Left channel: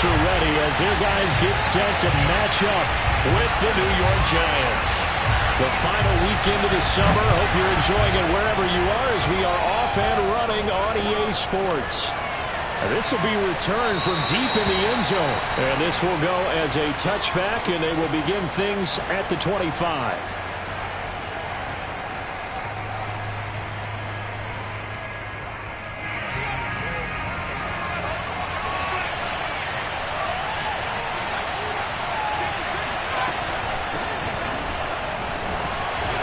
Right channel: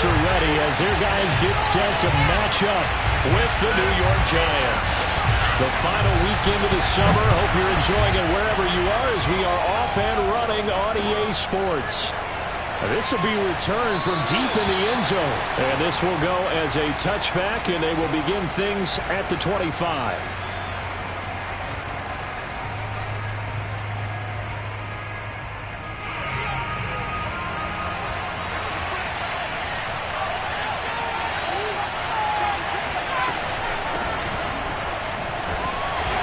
backups are ready as their guys get set to match up with the New York Giants. The final weekend of the summer. Hope you're enjoying it wherever you are as we are off and running on EA Sports. This will be returned from deep in the end zone. And this will go as a touchback, and they will begin things at the 25.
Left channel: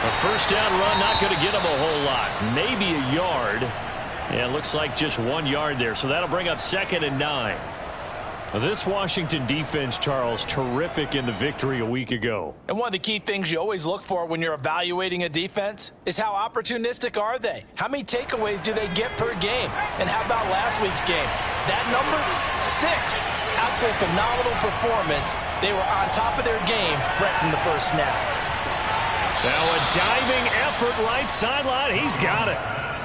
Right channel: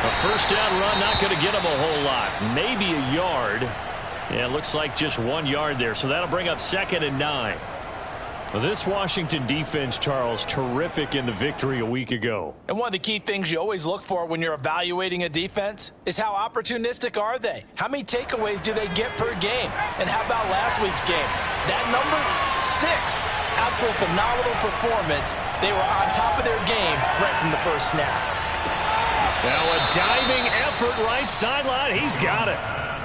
A first down run, not going to get him a whole lot. Maybe a yard. Yeah, it looks like just 1 yard there, so that'll bring up 2nd and 9. Well, this Washington defense, Charles, terrific in the victory a week ago. And one of the key things you always look for when you're evaluating a defense is how opportunistic are they? How many takeaways do they get per game? And how about last week's game? That number, 6. Absolutely phenomenal performance. They were on top of their game right from the first snap. Now a diving effort right sideline. He's got it.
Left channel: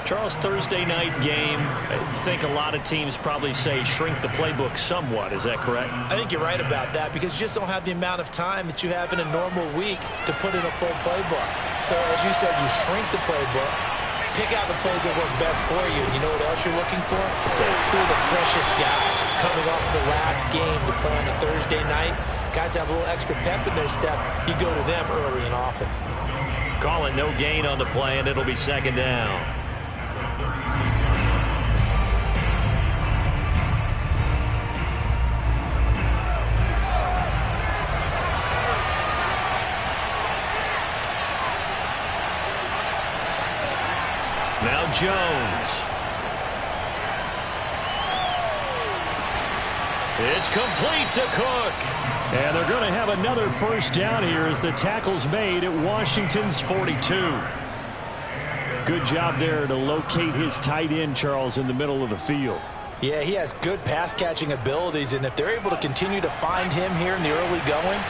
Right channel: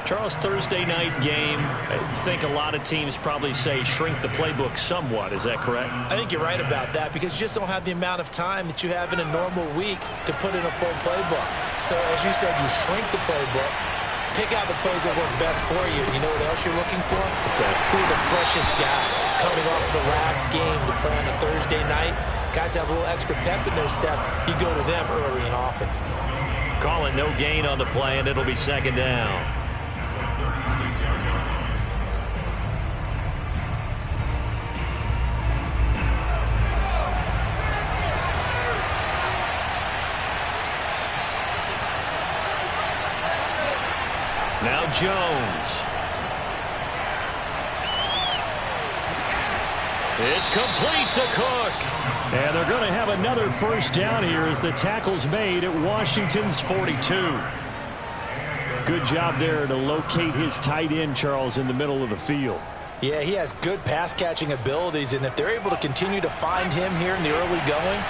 Charles, Thursday night game. I think a lot of teams probably say shrink the playbook somewhat. Is that correct? I think you're right about that because you just don't have the amount of time that you have in a normal week to put in a full playbook. So as you said, you shrink the playbook, pick out the plays that work best for you. And you know what else you're looking for? Who are the freshest guys coming off the last game to play on a Thursday night? Guys have a little extra pep in their step. You go to them early and often. Call it no gain on the play, and it'll be 2nd down. Now Jones. It's complete to Cook. And they're going to have another first down here as the tackle's made at Washington's 42. Good job there to locate his tight end, Charles, in the middle of the field. Yeah, he has good pass-catching abilities, and if they're able to continue to find him here in the early going,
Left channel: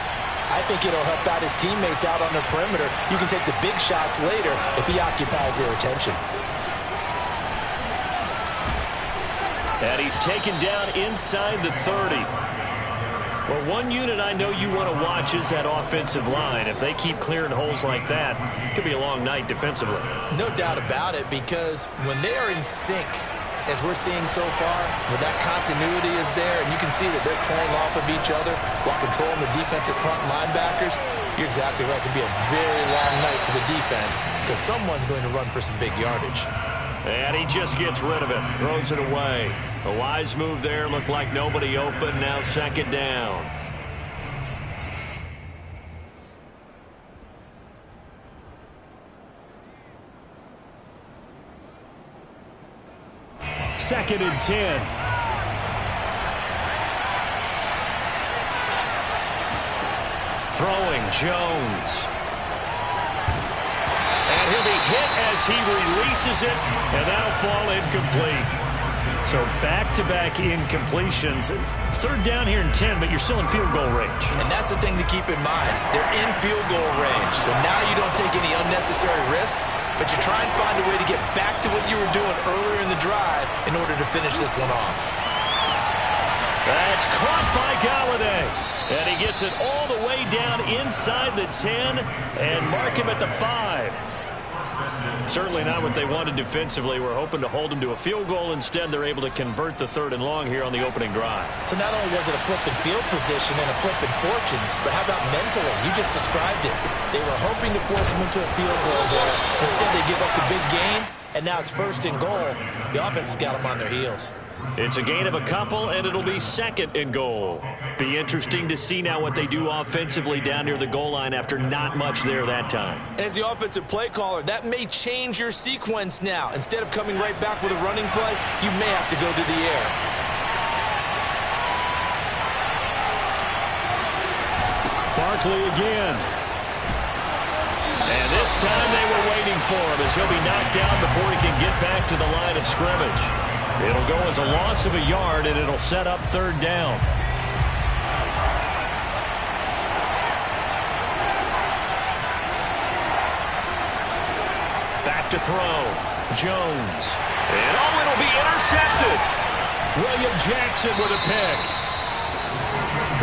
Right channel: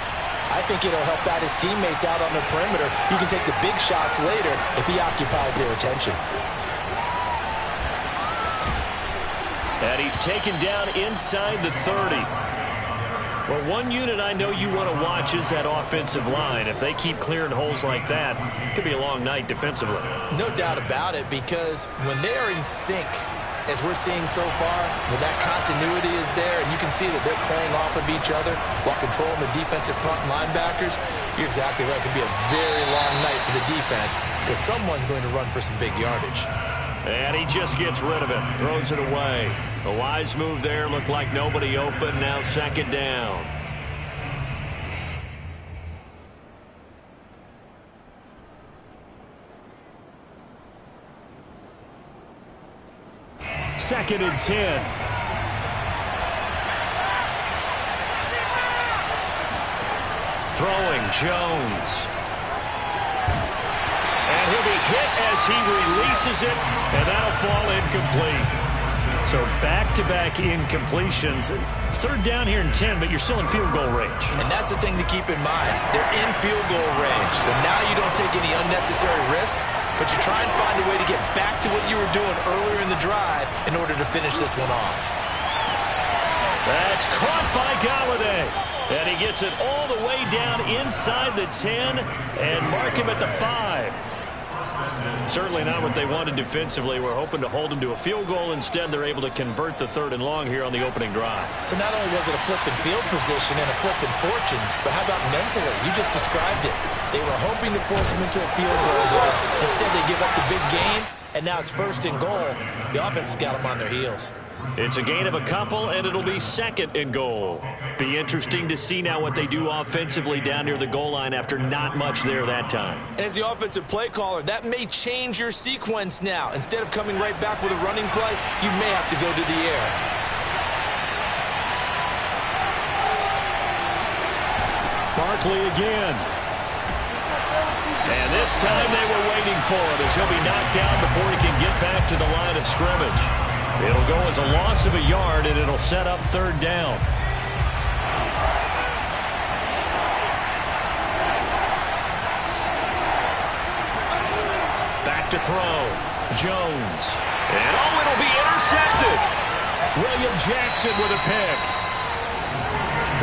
I think it'll help out his teammates out on the perimeter. You can take the big shots later if he occupies their attention. And he's taken down inside the 30. Well, one unit I know you want to watch is that offensive line. If they keep clearing holes like that, it could be a long night defensively. No doubt about it, because when they are in sync, as we're seeing so far, when that continuity is there, and you can see that they're playing off of each other while controlling the defensive front linebackers, you're exactly right. It could be a very long night for the defense because someone's going to run for some big yardage. And he just gets rid of it, throws it away. A wise move there, looked like nobody open, now 2nd down. Second and 10. Throwing Jones. And he'll be hit as he releases it, and that'll fall incomplete. So back-to-back incompletions. 3rd down here in 10, but you're still in field goal range. And that's the thing to keep in mind. They're in field goal range. So now you don't take any unnecessary risks, but you try and find a way to get back to what you were doing earlier in the drive in order to finish this one off. That's caught by Golladay. And he gets it all the way down inside the 10 and mark him at the 5. Certainly not what they wanted defensively. We're hoping to hold them to a field goal. Instead, they're able to convert the 3rd and long here on the opening drive. So not only was it a flipping field position and a flipping fortunes, but how about mentally? You just described it. They were hoping to force them into a field goal there. Instead, they give up the big gain, and now it's 1st and goal. The offense has got them on their heels. It's a gain of a couple, and it'll be 2nd and goal. Be interesting to see now what they do offensively down near the goal line after not much there that time. As the offensive play caller, that may change your sequence now. Instead of coming right back with a running play, you may have to go to the air. Barkley again. And this time they were waiting for him as he'll be knocked down before he can get back to the line of scrimmage. It'll go as a loss of a yard, and it'll set up 3rd down. Back to throw. Jones. And it'll be intercepted. William Jackson with a pick.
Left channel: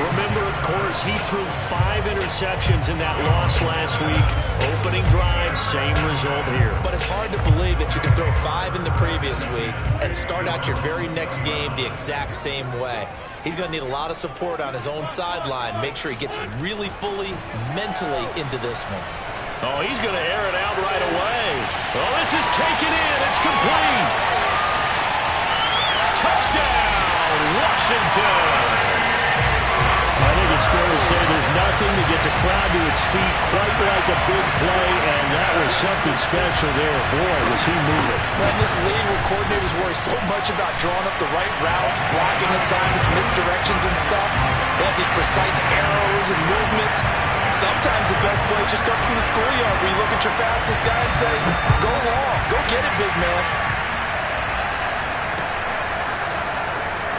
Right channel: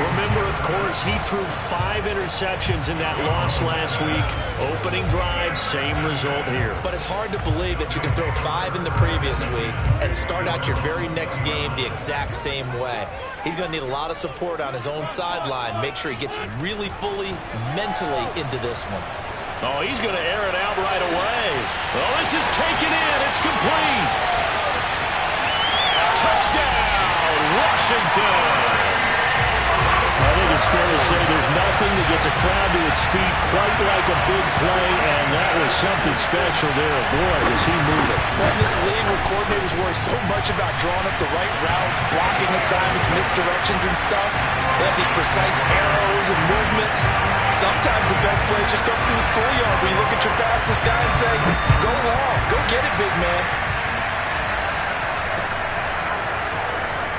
Remember, of course, he threw 5 interceptions in that loss last week. Opening drive, same result here. But it's hard to believe that you can throw 5 in the previous week and start out your very next game the exact same way. He's going to need a lot of support on his own sideline. Make sure he gets really fully, mentally into this one. Oh, he's going to air it out right away. Oh, this is taken in. It's complete. Touchdown, Washington. I think it's fair to say there's nothing that gets a crowd to its feet quite like a big play, and that was something special there. Boy, was he moving. Well, in this league where coordinators worry so much about drawing up the right routes, blocking assignments, misdirections and stuff, they have these precise arrows and movements. Sometimes the best play is just start from the schoolyard where you look at your fastest guy and say, go long, go get it, big man.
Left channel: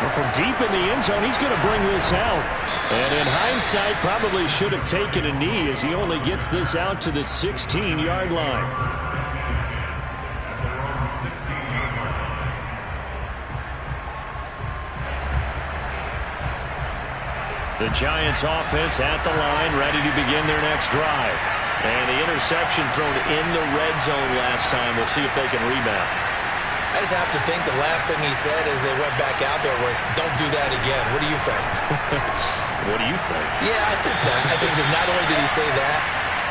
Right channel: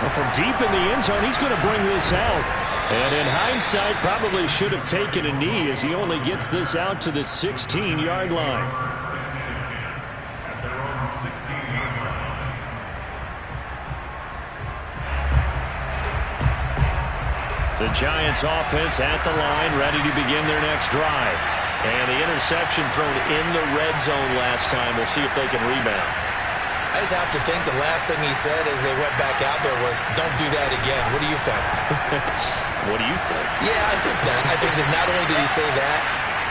Well, from deep in the end zone, he's going to bring this out. And in hindsight, probably should have taken a knee as he only gets this out to the 16-yard line. The Giants offense at the line, ready to begin their next drive. And the interception thrown in the red zone last time. We'll see if they can rebound. I just have to think the last thing he said as they went back out there was, don't do that again. What do you think? What do you think? Yeah, I think that. I think that not only did he say that,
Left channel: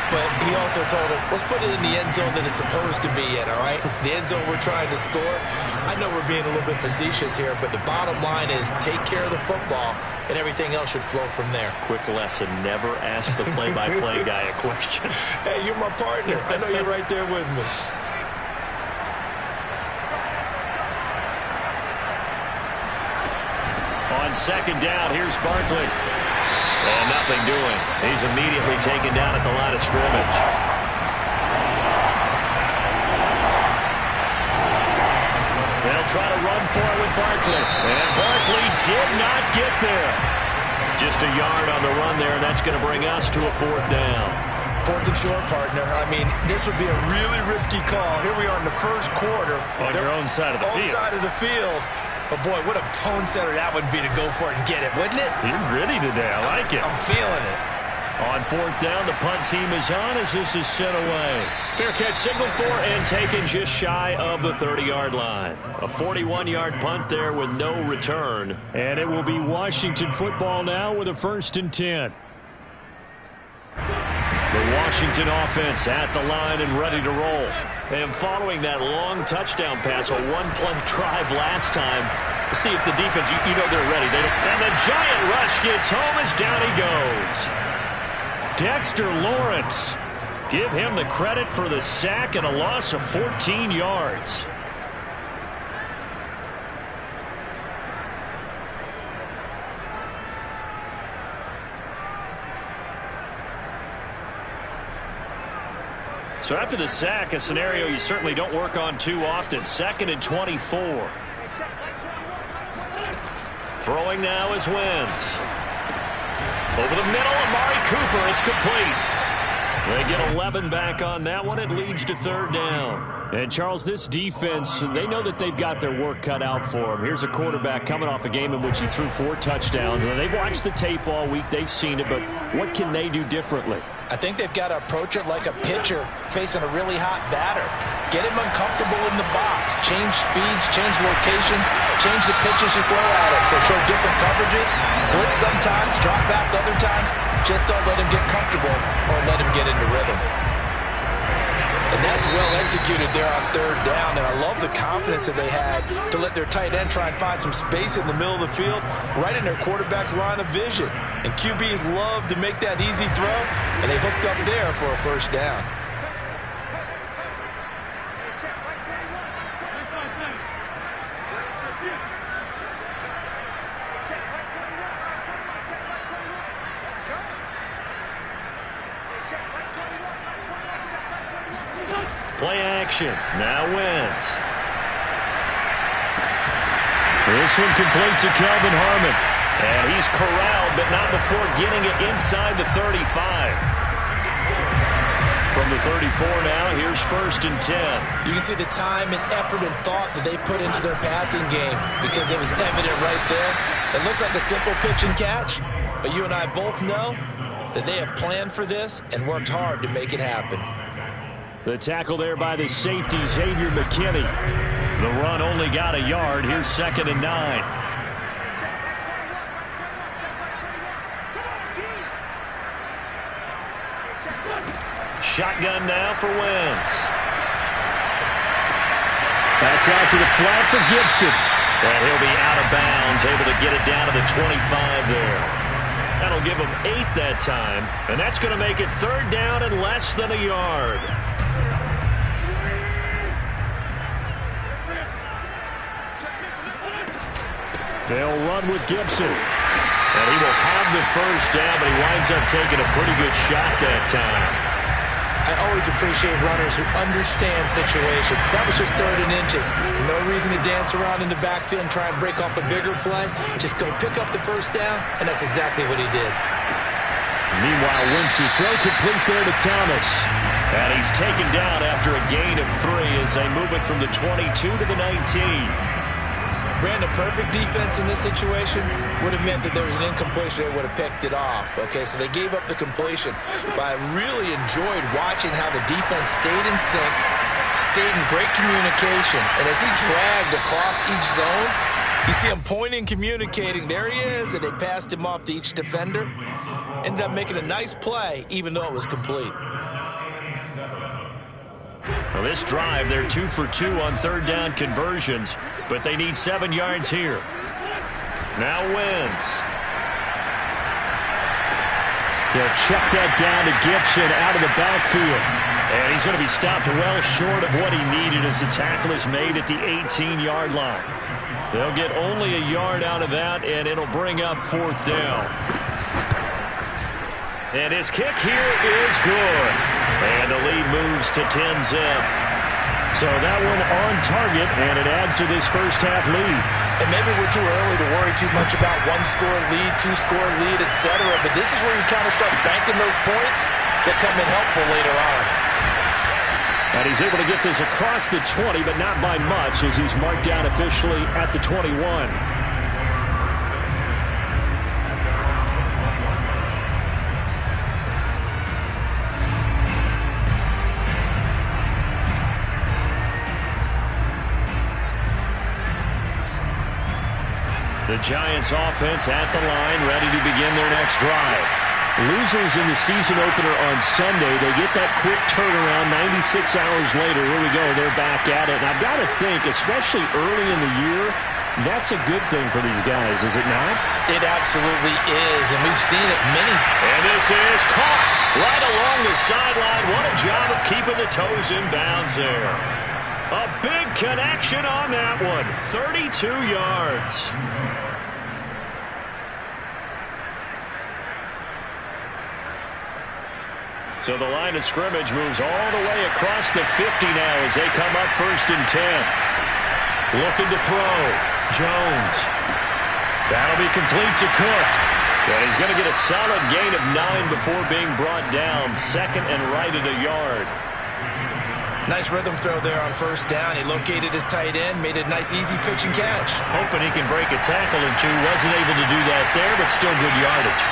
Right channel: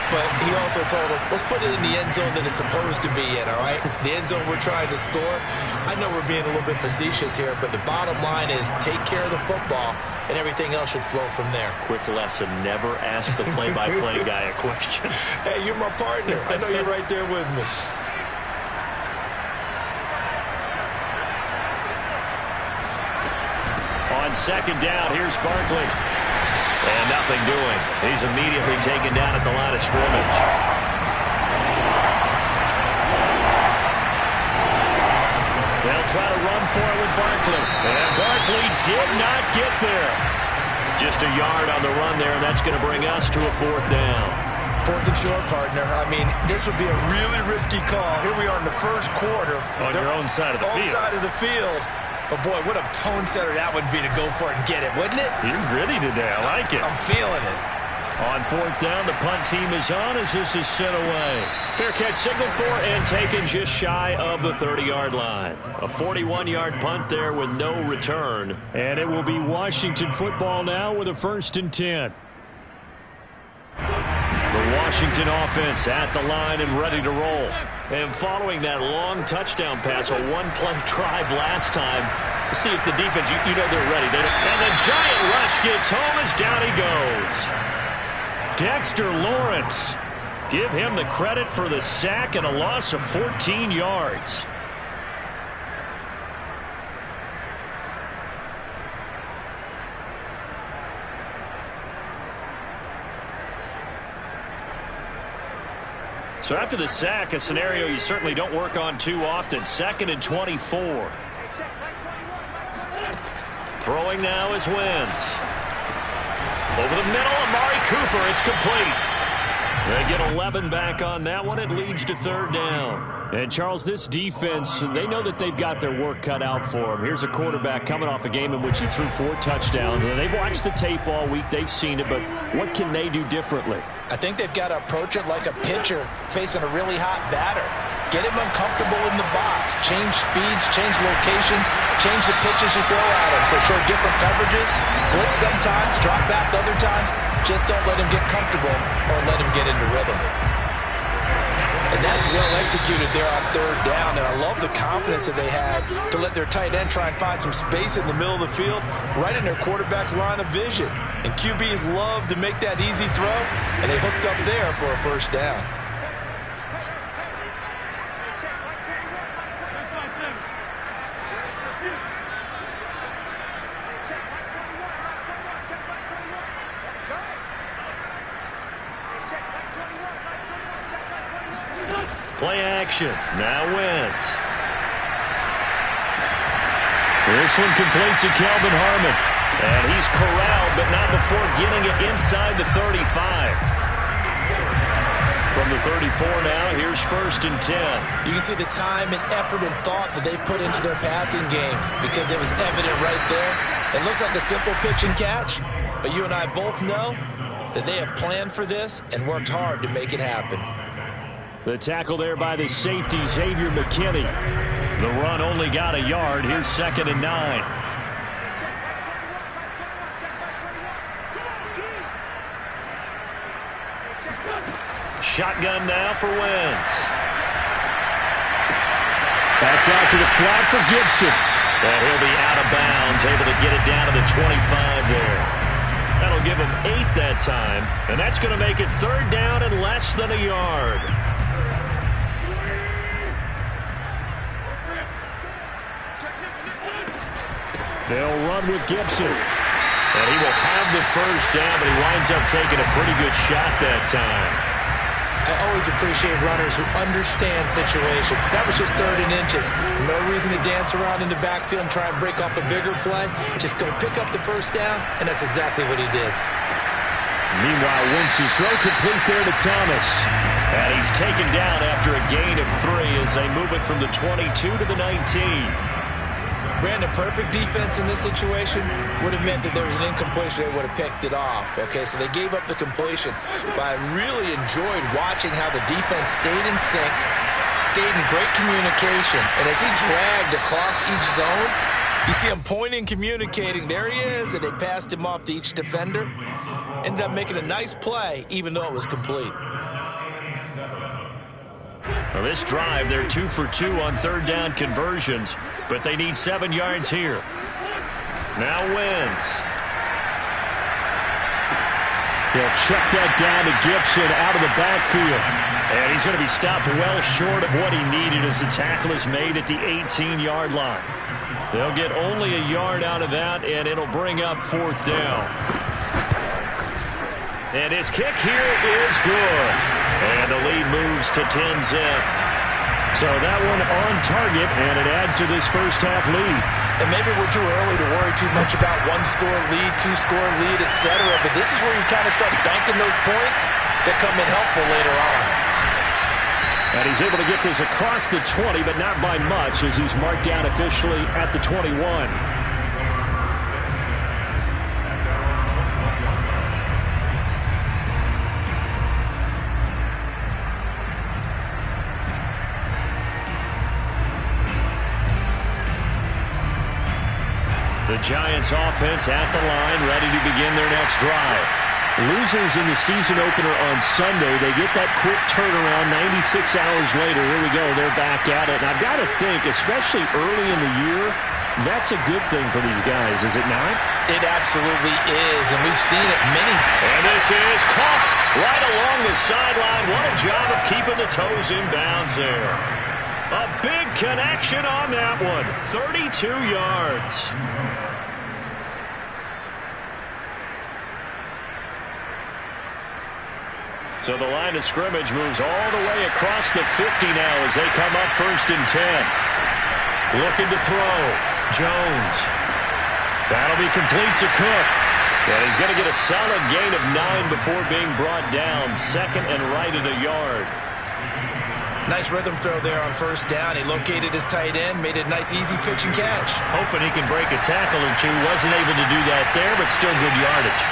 but he also told him, let's put it in the end zone that it's supposed to be in, all right? The end zone we're trying to score. I know we're being a little bit facetious here, but the bottom line is take care of the football, and everything else should flow from there. Quick lesson, never ask the play-by-play guy a question. Hey, you're my partner. I know you're right there with me. On second down, here's Barkley. And nothing doing. He's immediately taken down at the line of scrimmage. They'll try to run for it with Barkley. And Barkley did not get there. Just a yard on the run there, and that's going to bring us to a 4th down. 4th and short, partner. I mean, this would be a really risky call. Here we are in the first quarter. On your own side of the field. Own side of the field. But, boy, what a tone setter that would be to go for it and get it, wouldn't it? You're gritty today. I like it. I'm feeling it. On 4th down, the punt team is on as this is sent away. Fair catch signaled for and taken just shy of the 30-yard line. A 41-yard punt there with no return. And it will be Washington football now with a 1st and 10. The Washington offense at the line and ready to roll. And following that long touchdown pass, a one-play drive last time, let's see if the defense, you know they're ready. And the giant rush gets home as down he goes. Dexter Lawrence. Give him the credit for the sack and a loss of 14 yards. So after the sack, a scenario you certainly don't work on too often. 2nd and 24. Throwing now is Wentz. Over the middle, Amari Cooper. It's complete. They get 11 back on that one. It leads to 3rd down. And, Charles, this defense, they know that they've got their work cut out for them. Here's a quarterback coming off a game in which he threw 4 touchdowns. They've watched the tape all week. They've seen it. But what can they do differently? I think they've got to approach it like a pitcher facing a really hot batter. Get him uncomfortable in the box. Change speeds, change locations, change the pitches you throw at him. So show different coverages. Blitz sometimes, drop back other times. Just don't let him get comfortable or let him get into rhythm. And that's well executed there on 3rd down. And I love the confidence that they had to let their tight end try and find some space in the middle of the field, right in their quarterback's line of vision. And QBs love to make that easy throw, and they hooked up there for a 1st down. Play action. Now Wentz. This one complete to Kelvin Harmon. And he's corralled, but not before getting it inside the 35. From the 34 now, here's 1st and 10. You can see the time and effort and thought that they put into their passing game because it was evident right there. It looks like a simple pitch and catch, But you and I both know that they have planned for this and worked hard to make it happen. The tackle there by the safety, Xavier McKinney. The run only got a yard. Here's 2nd and 9. Shotgun now for Wentz. That's out to the flat for Gibson. And he'll be out of bounds, able to get it down to the 25 there. That'll give him 8 that time, and that's going to make it 3rd down and less than a yard. They'll run with Gibson. And he will have the 1st down, but he winds up taking a pretty good shot that time. I always appreciate runners who understand situations. That was just 3rd and inches. No reason to dance around in the backfield and try and break off a bigger play. Just go pick up the 1st down, and that's exactly what he did. Meanwhile, Wentz's throw complete there to Thomas. And he's taken down after a gain of 3 as they move it from the 22 to the 19. Brandon, perfect defense in this situation would have meant that there was an incompletion. They would have picked it off. Okay, so they gave up the completion. But I really enjoyed watching how the defense stayed in sync, stayed in great communication. And as he dragged across each zone, you see him pointing, communicating. There he is, and they passed him off to each defender. Ended up making a nice play, even though it was complete. Well, this drive, they're 2 for 2 on 3rd down conversions, but they need 7 yards here. Now Wentz. He'll check that down to Gibson out of the backfield. And he's going to be stopped well short of what he needed as the tackle is made at the 18-yard line. They'll get only a yard out of that, and it'll bring up 4th down. And his kick here is good. And the lead moves to 10-zip. So that one on target, and it adds to this first-half lead. And maybe we're too early to worry too much about 1-score lead, 2-score lead, etc. But this is where you kind of start banking those points that come in helpful later on. And he's able to get this across the 20, but not by much, as he's marked down officially at the 21. The Giants offense at the line, ready to begin their next drive. Losers in the season opener on Sunday. They get that quick turnaround 96 hours later. Here we go. They're back at it. And I've got to think, especially early in the year, that's a good thing for these guys, is it not? It absolutely is, and we've seen it many. And this is caught right along the sideline. What a job of keeping the toes in bounds there. A big connection on that one. 32 yards. So the line of scrimmage moves all the way across the 50 now as they come up 1st and 10. Looking to throw. Jones. That'll be complete to Cook. And he's going to get a solid gain of 9 before being brought down. 2nd and right at a yard. Nice rhythm throw there on 1st down. He located his tight end, made a nice easy pitch and catch. Hoping he can break a tackle or two. Wasn't able to do that there, but still good yardage.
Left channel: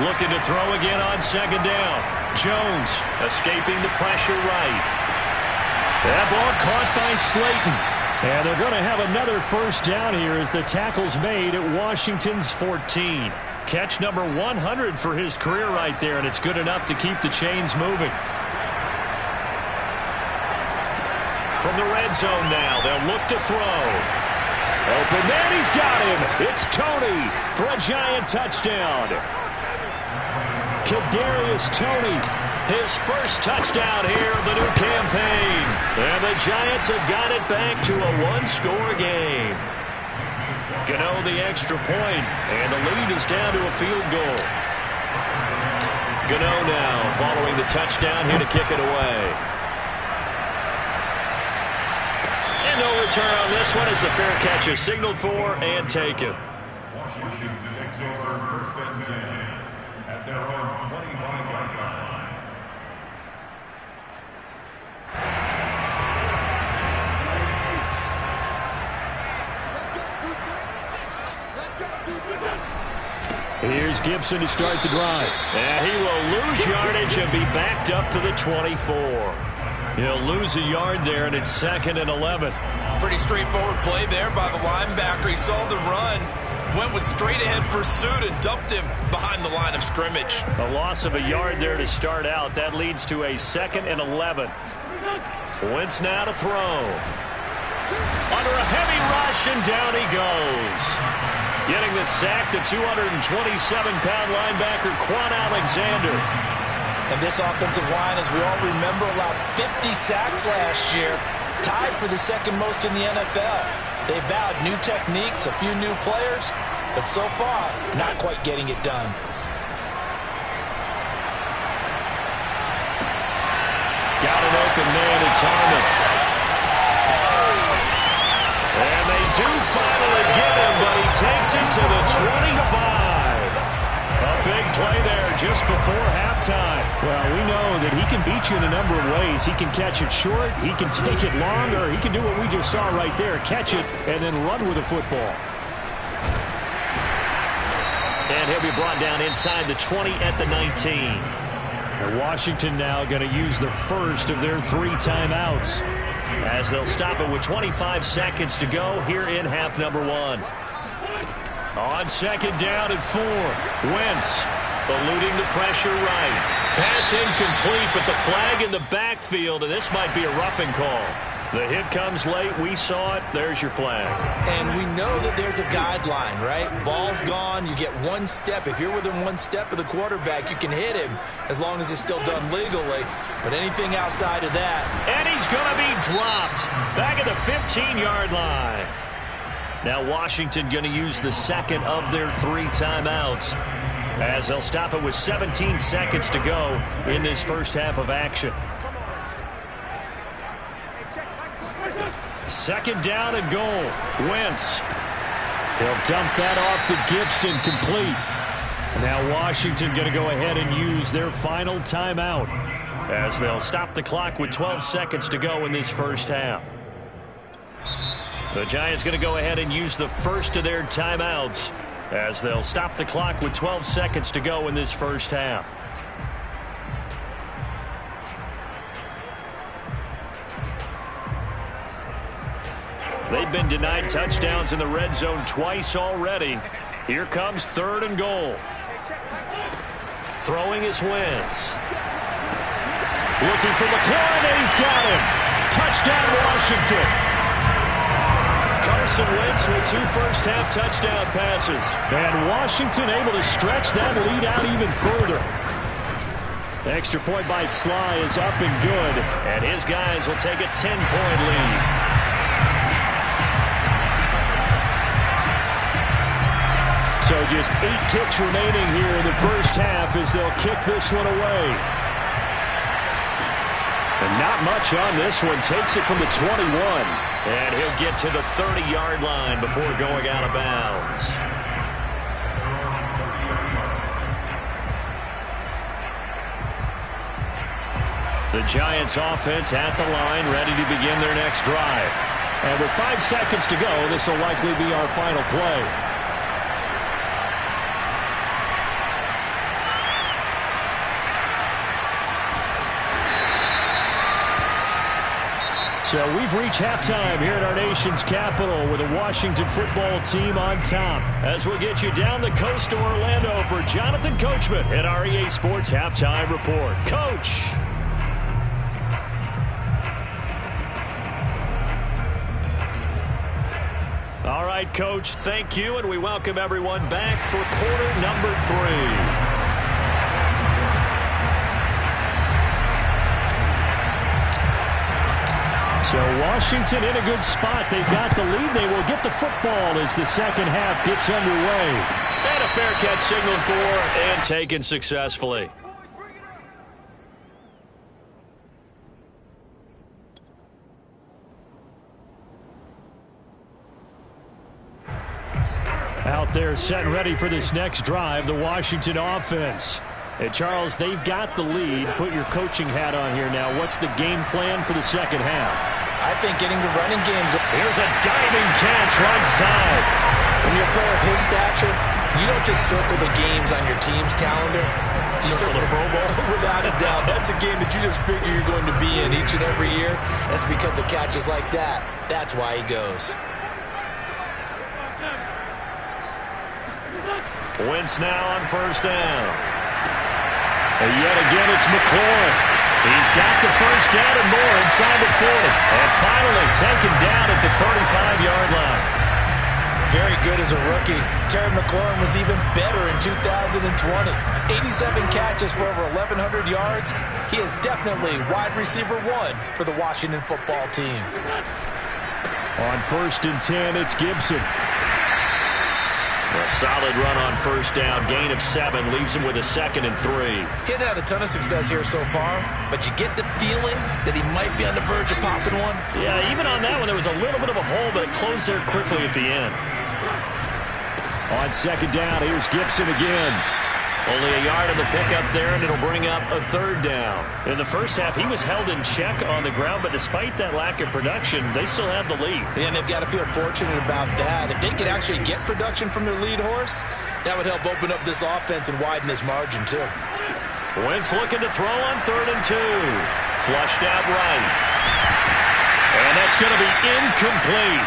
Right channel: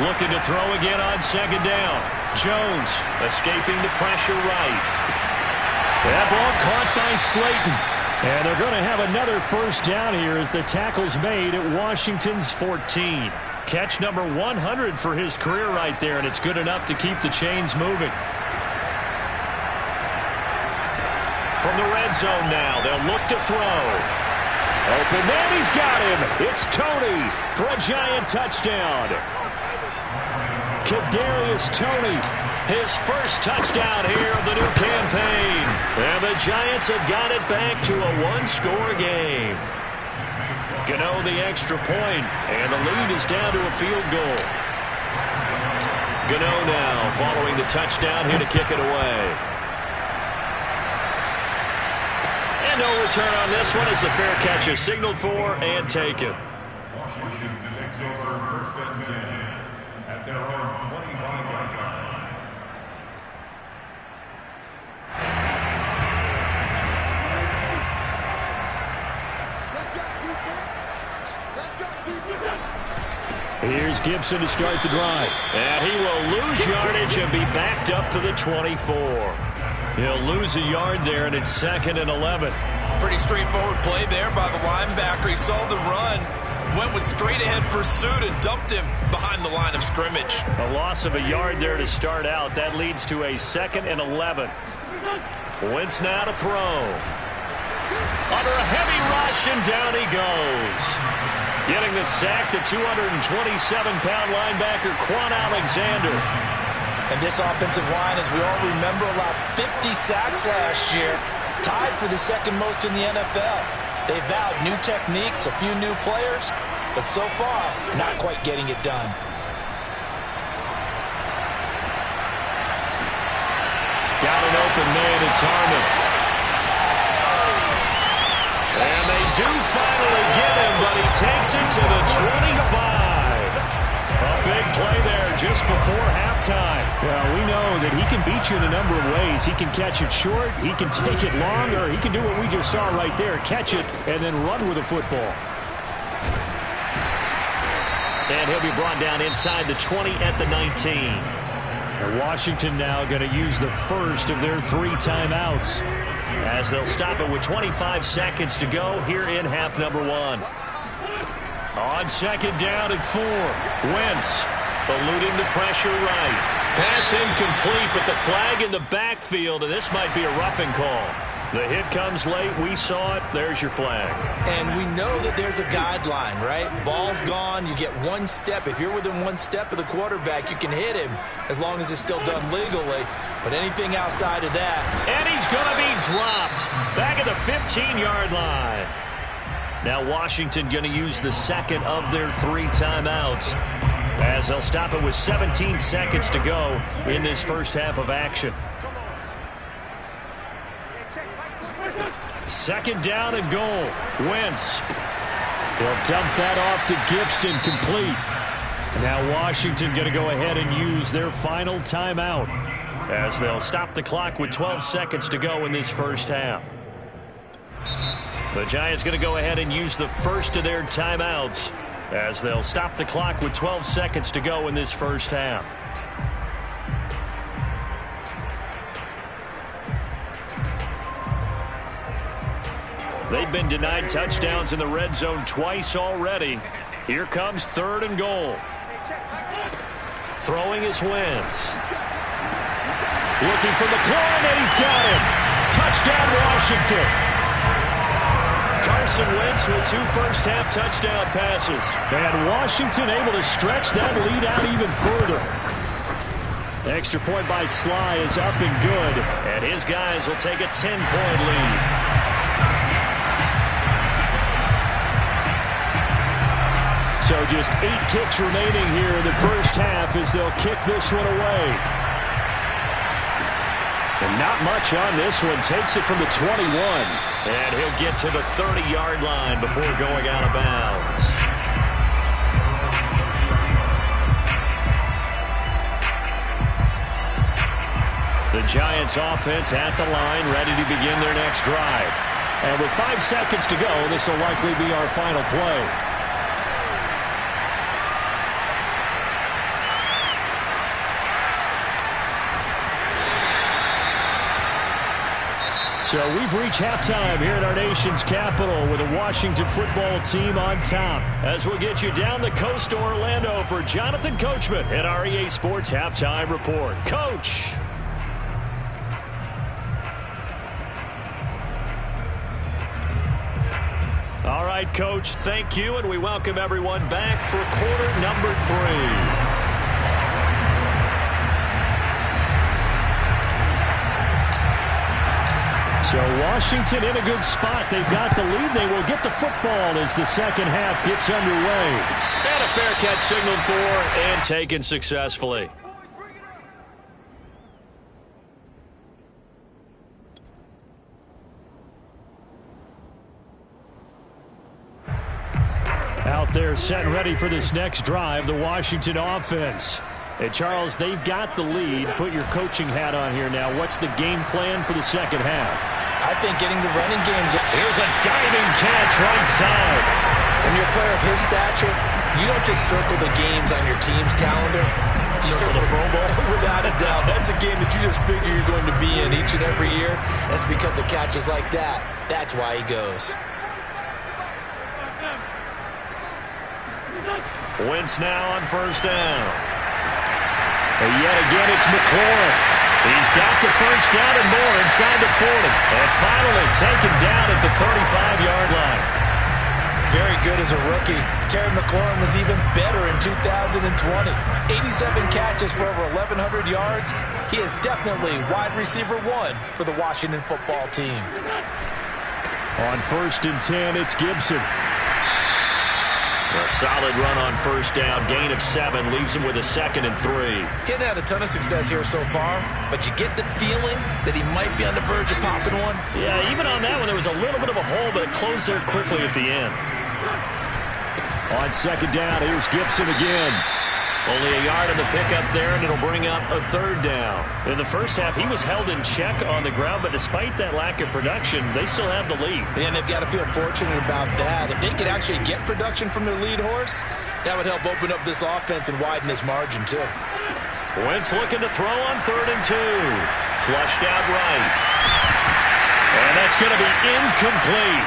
Looking to throw again on 2nd down. Jones escaping the pressure right. That ball caught by Slayton. And they're going to have another 1st down here as the tackle's made at Washington's 14. Catch number 100 for his career right there, and it's good enough to keep the chains moving. From the red zone now, they'll look to throw. Open man, he's got him. It's Toney for a Giant touchdown. Kadarius Toney, his first touchdown here of the new campaign. And the Giants have got it back to a 1-score game. Gano the extra point, and the lead is down to a field goal. Gano now following the touchdown here to kick it away. And no return on this one as the fair catch is signaled for and taken. Washington takes over 1st and 10 at their own 25-yard line. Here's Gibson to start the drive. And he will lose yardage and be backed up to the 24. He'll lose a yard there, and it's 2nd and 11. Pretty straightforward play there by the linebacker. He saw the run, went with straight-ahead pursuit, and dumped him behind the line of scrimmage. A loss of a yard there to start out. That leads to a 2nd and 11. Wentz now to throw. Under a heavy rush, and down he goes. Getting the sack, the 227-pound linebacker, Quan Alexander. And this offensive line, as we all remember, allowed 50 sacks last year, tied for the second most in the NFL. They vowed new techniques, a few new players, but so far, not quite getting it done. Got an open man, it's Harmon. And they do finally get him, but he takes it to the 25. A big play there just before halftime. Well, we know that he can beat you in a number of ways. He can catch it short, he can take it long, or he can do what we just saw right there, catch it and then run with the football. And he'll be brought down inside the 20 at the 19. And Washington now going to use the first of their 3 timeouts, as they'll stop it with 25 seconds to go here in half number 1. On 2nd down and 4. Wentz eluding the pressure right. Pass incomplete, but the flag in the backfield, and this might be a roughing call. The hit comes late. We saw it. There's your flag. And we know that there's a guideline, right? Ball's gone. You get 1 step. If you're within 1 step of the quarterback, you can hit him as long as it's still done legally. But anything outside of that. And he's going to be dropped back at the 15-yard line. Now Washington going to use the second of their 3 timeouts, as they'll stop it with 17 seconds to go in this first half of action. 2nd down and goal. Wentz. He'll dump that off to Gibson, complete. Now Washington going to go ahead and use their final timeout, as they'll stop the clock with 12 seconds to go in this first half. The Giants going to go ahead and use the first of their timeouts, as they'll stop the clock with 12 seconds to go in this first half. They've been denied touchdowns in the red zone twice already. Here comes 3rd and goal. Throwing is Wentz. Looking for McLaurin, and he's got him. Touchdown, Washington. Carson Wentz with 2 first-half touchdown passes. And Washington able to stretch that lead out even further. Extra point by Sly is up and good. And his guys will take a 10-point lead. So just 8 ticks remaining here in the first half as they'll kick this one away. And not much on this one. Takes it from the 21. And he'll get to the 30-yard line before going out of bounds. The Giants offense at the line, ready to begin their next drive. And with 5 seconds to go, this will likely be our final play. So we've reached halftime here at our nation's capital with a Washington football team on top. As we'll get you down the coast to Orlando for Jonathan Coachman at our EA Sports Halftime Report. Coach. All right, Coach, thank you, and we welcome everyone back for quarter number 3. So Washington in a good spot. They've got the lead. They will get the football as the second half gets underway. And a fair catch signaled for and taken successfully. Out there set and ready for this next drive, the Washington offense. Hey, Charles, they've got the lead. Put your coaching hat on here now. What's the game plan for the second half? I think getting the running game. Here's a diving catch right side. When you're a player of his stature, You don't just circle the games on your team's calendar. You circle the Pro Bowl. Without a doubt. That's a game that you just figure you're going to be in each and every year. That's because of catches like that. That's why he goes. Wentz now on first down. And yet again, it's McLaurin. He's got the first down and more inside the 40. And finally taken down at the 35-yard line. Very good as a rookie. Terry McLaurin was even better in 2020. 87 catches for over 1,100 yards. He is definitely wide receiver 1 for the Washington football team. On first and 10, it's Gibson. A solid run on first down. Gain of 7 leaves him with a 2nd and 3. Getting had a ton of success here so far, but you get the feeling that he might be on the verge of popping one. Yeah, even on that one, there was a little bit of a hole, but it closed there quickly at the end. On second down, here's Gibson again. Only a yard on the pickup there, and it'll bring up a 3rd down. In the first half, he was held in check on the ground, but despite that lack of production, they still have the lead. And they've got to feel fortunate about that. If they could actually get production from their lead horse, that would help open up this offense and widen this margin, too. Wentz looking to throw on 3rd and 2. Flushed out right. And that's going to be incomplete.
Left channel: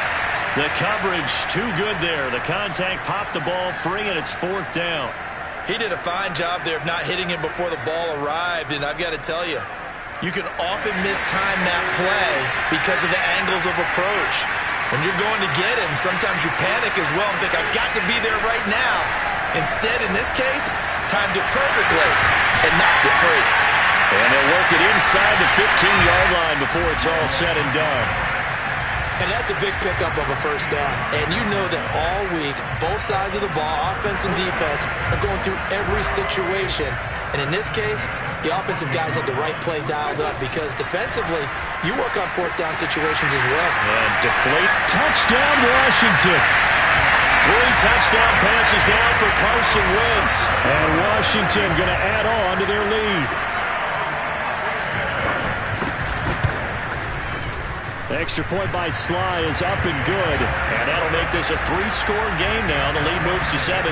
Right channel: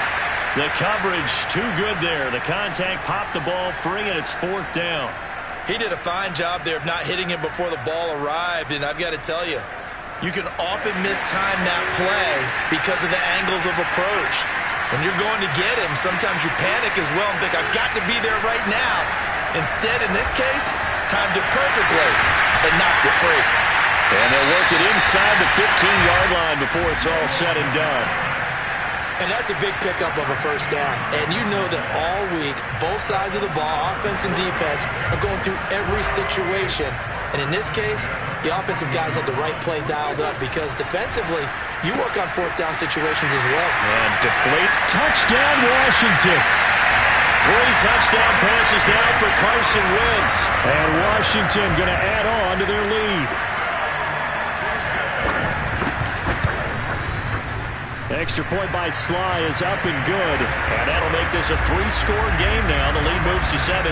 The coverage too good there. The contact popped the ball free, and it's 4th down. He did a fine job there of not hitting him before the ball arrived, and I've got to tell you, you can often mistime that play because of the angles of approach. When you're going to get him, sometimes you panic as well and think, I've got to be there right now. Instead, in this case, timed it perfectly and knocked it free. And they'll work it inside the 15-yard line before it's all said and done. And that's a big pickup of a first down. And you know that all week, both sides of the ball, offense and defense, are going through every situation. And in this case, the offensive guys had the right play dialed up because defensively, you work on 4th down situations as well. And deflate. Touchdown, Washington. 3 touchdown passes now for Carson Wentz. And Washington going to add on to their lead. Extra point by Sly is up and good. And that'll make this a 3-score game now. The lead moves to 17.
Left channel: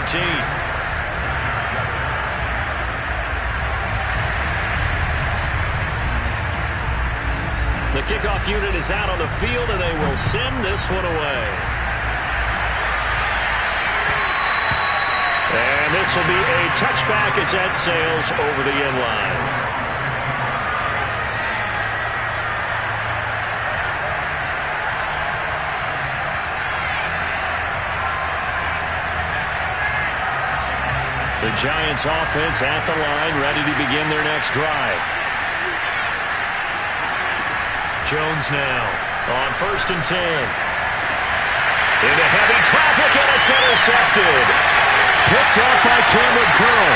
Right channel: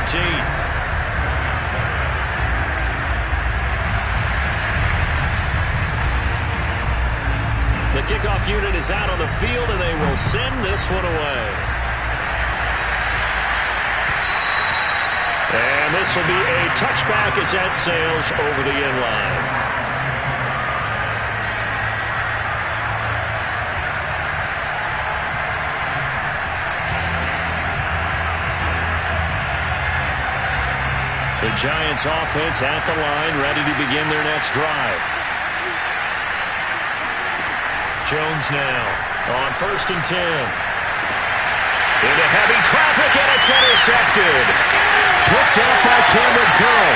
The kickoff unit is out on the field, and they will send this one away. And this will be a touchback as that sails over the end line. The Giants offense at the line, ready to begin their next drive. Jones now on first and 10. Into heavy traffic, and it's intercepted. Picked up by Cameron Curl.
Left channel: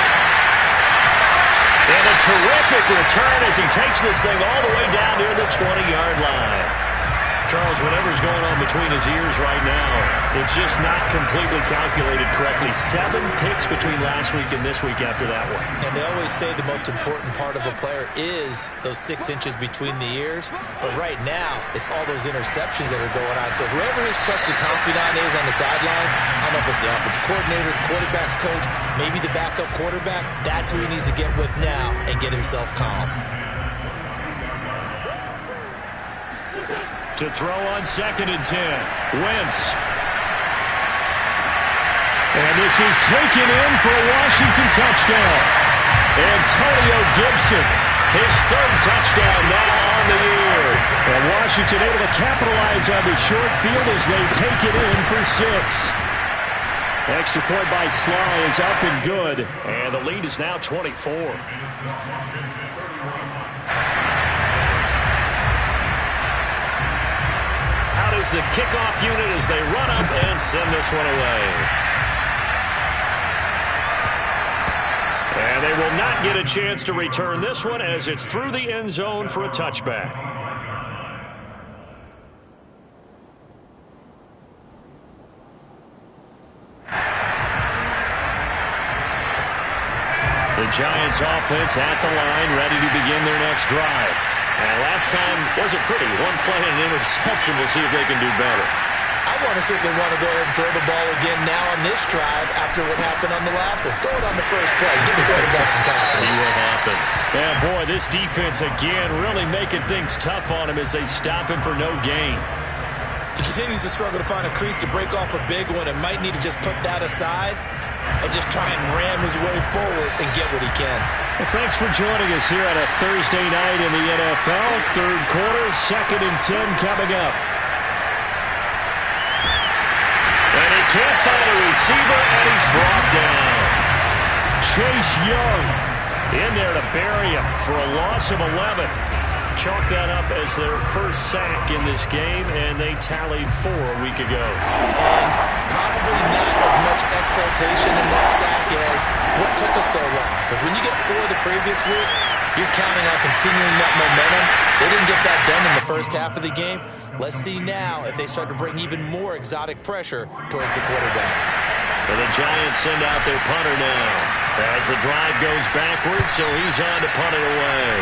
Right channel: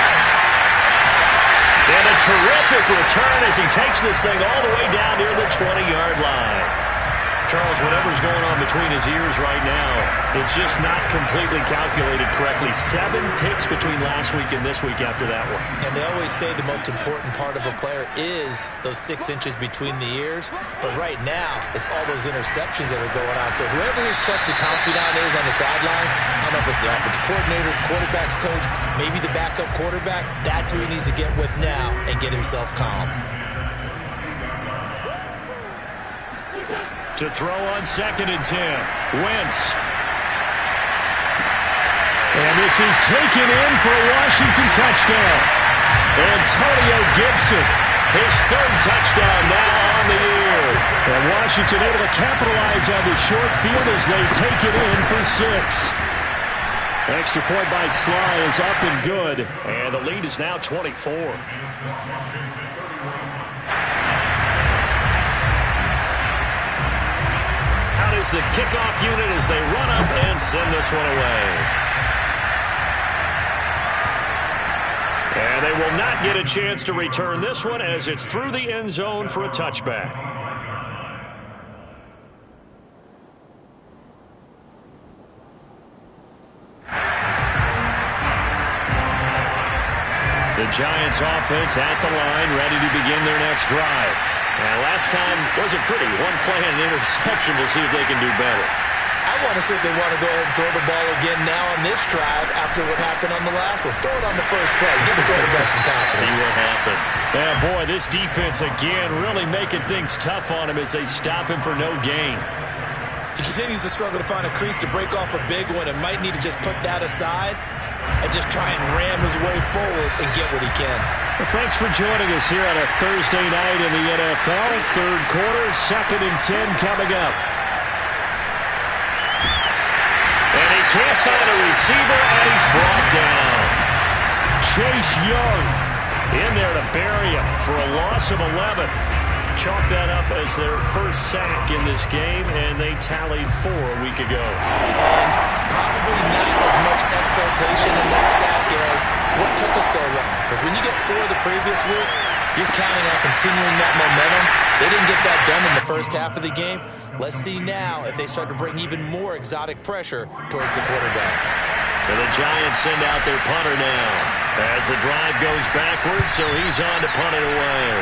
And a terrific return as he takes this thing all the way down near the 20-yard line. Charles, whatever's going on between his ears right now, it's just not completely calculated correctly. 7 picks between last week and this week after that one. And they always say the most important part of a player is those 6 inches between the ears. But right now, it's all those interceptions that are going on. So whoever his trusted confidant is on the sidelines, I don't know if it's the offensive coordinator, the quarterback's coach, maybe the backup quarterback, that's who he needs to get with now and get himself calm. To throw on second and 10. Wentz. And this is taken in for a Washington touchdown. Antonio Gibson, his 3rd touchdown now on the year. And Washington able to capitalize on the short field as they take it in for 6. Extra point by Sly is up and good. And the lead is now 24. Out is the kickoff unit as they run up and send this one away. And they will not get a chance to return this one as it's through the end zone for a touchback. The Giants offense at the line, ready to begin their next drive. And last time wasn't pretty. 1 play and an interception. We'll see if they can do better. I want to see if they want to go ahead and throw the ball again now on this drive after what happened on the last one. Throw it on the first play. Give the quarterback some confidence. See what happens. Yeah, boy, this defense again really making things tough on him as they stop him for no gain. He continues to struggle to find a crease to break off a big one and might need to just put that aside and just try and ram his way forward and get what he can. Well, thanks for joining us here on a Thursday night in the NFL. Third quarter, 2nd and 10 coming up. And he can't find a receiver, and he's brought down. Chase Young in there to bury him for a loss of 11. Chalk that up as their first sack in this game, and they tallied 4 a week ago. And probably not as much exultation in that sack as what took us so long. Because when you get 4 the previous week, you're counting on continuing that momentum. They didn't get that done in the first half of the game. Let's see now if they start to bring even more exotic pressure towards the quarterback. And the Giants send out their punter now as the drive goes backwards, so he's on to punt it away.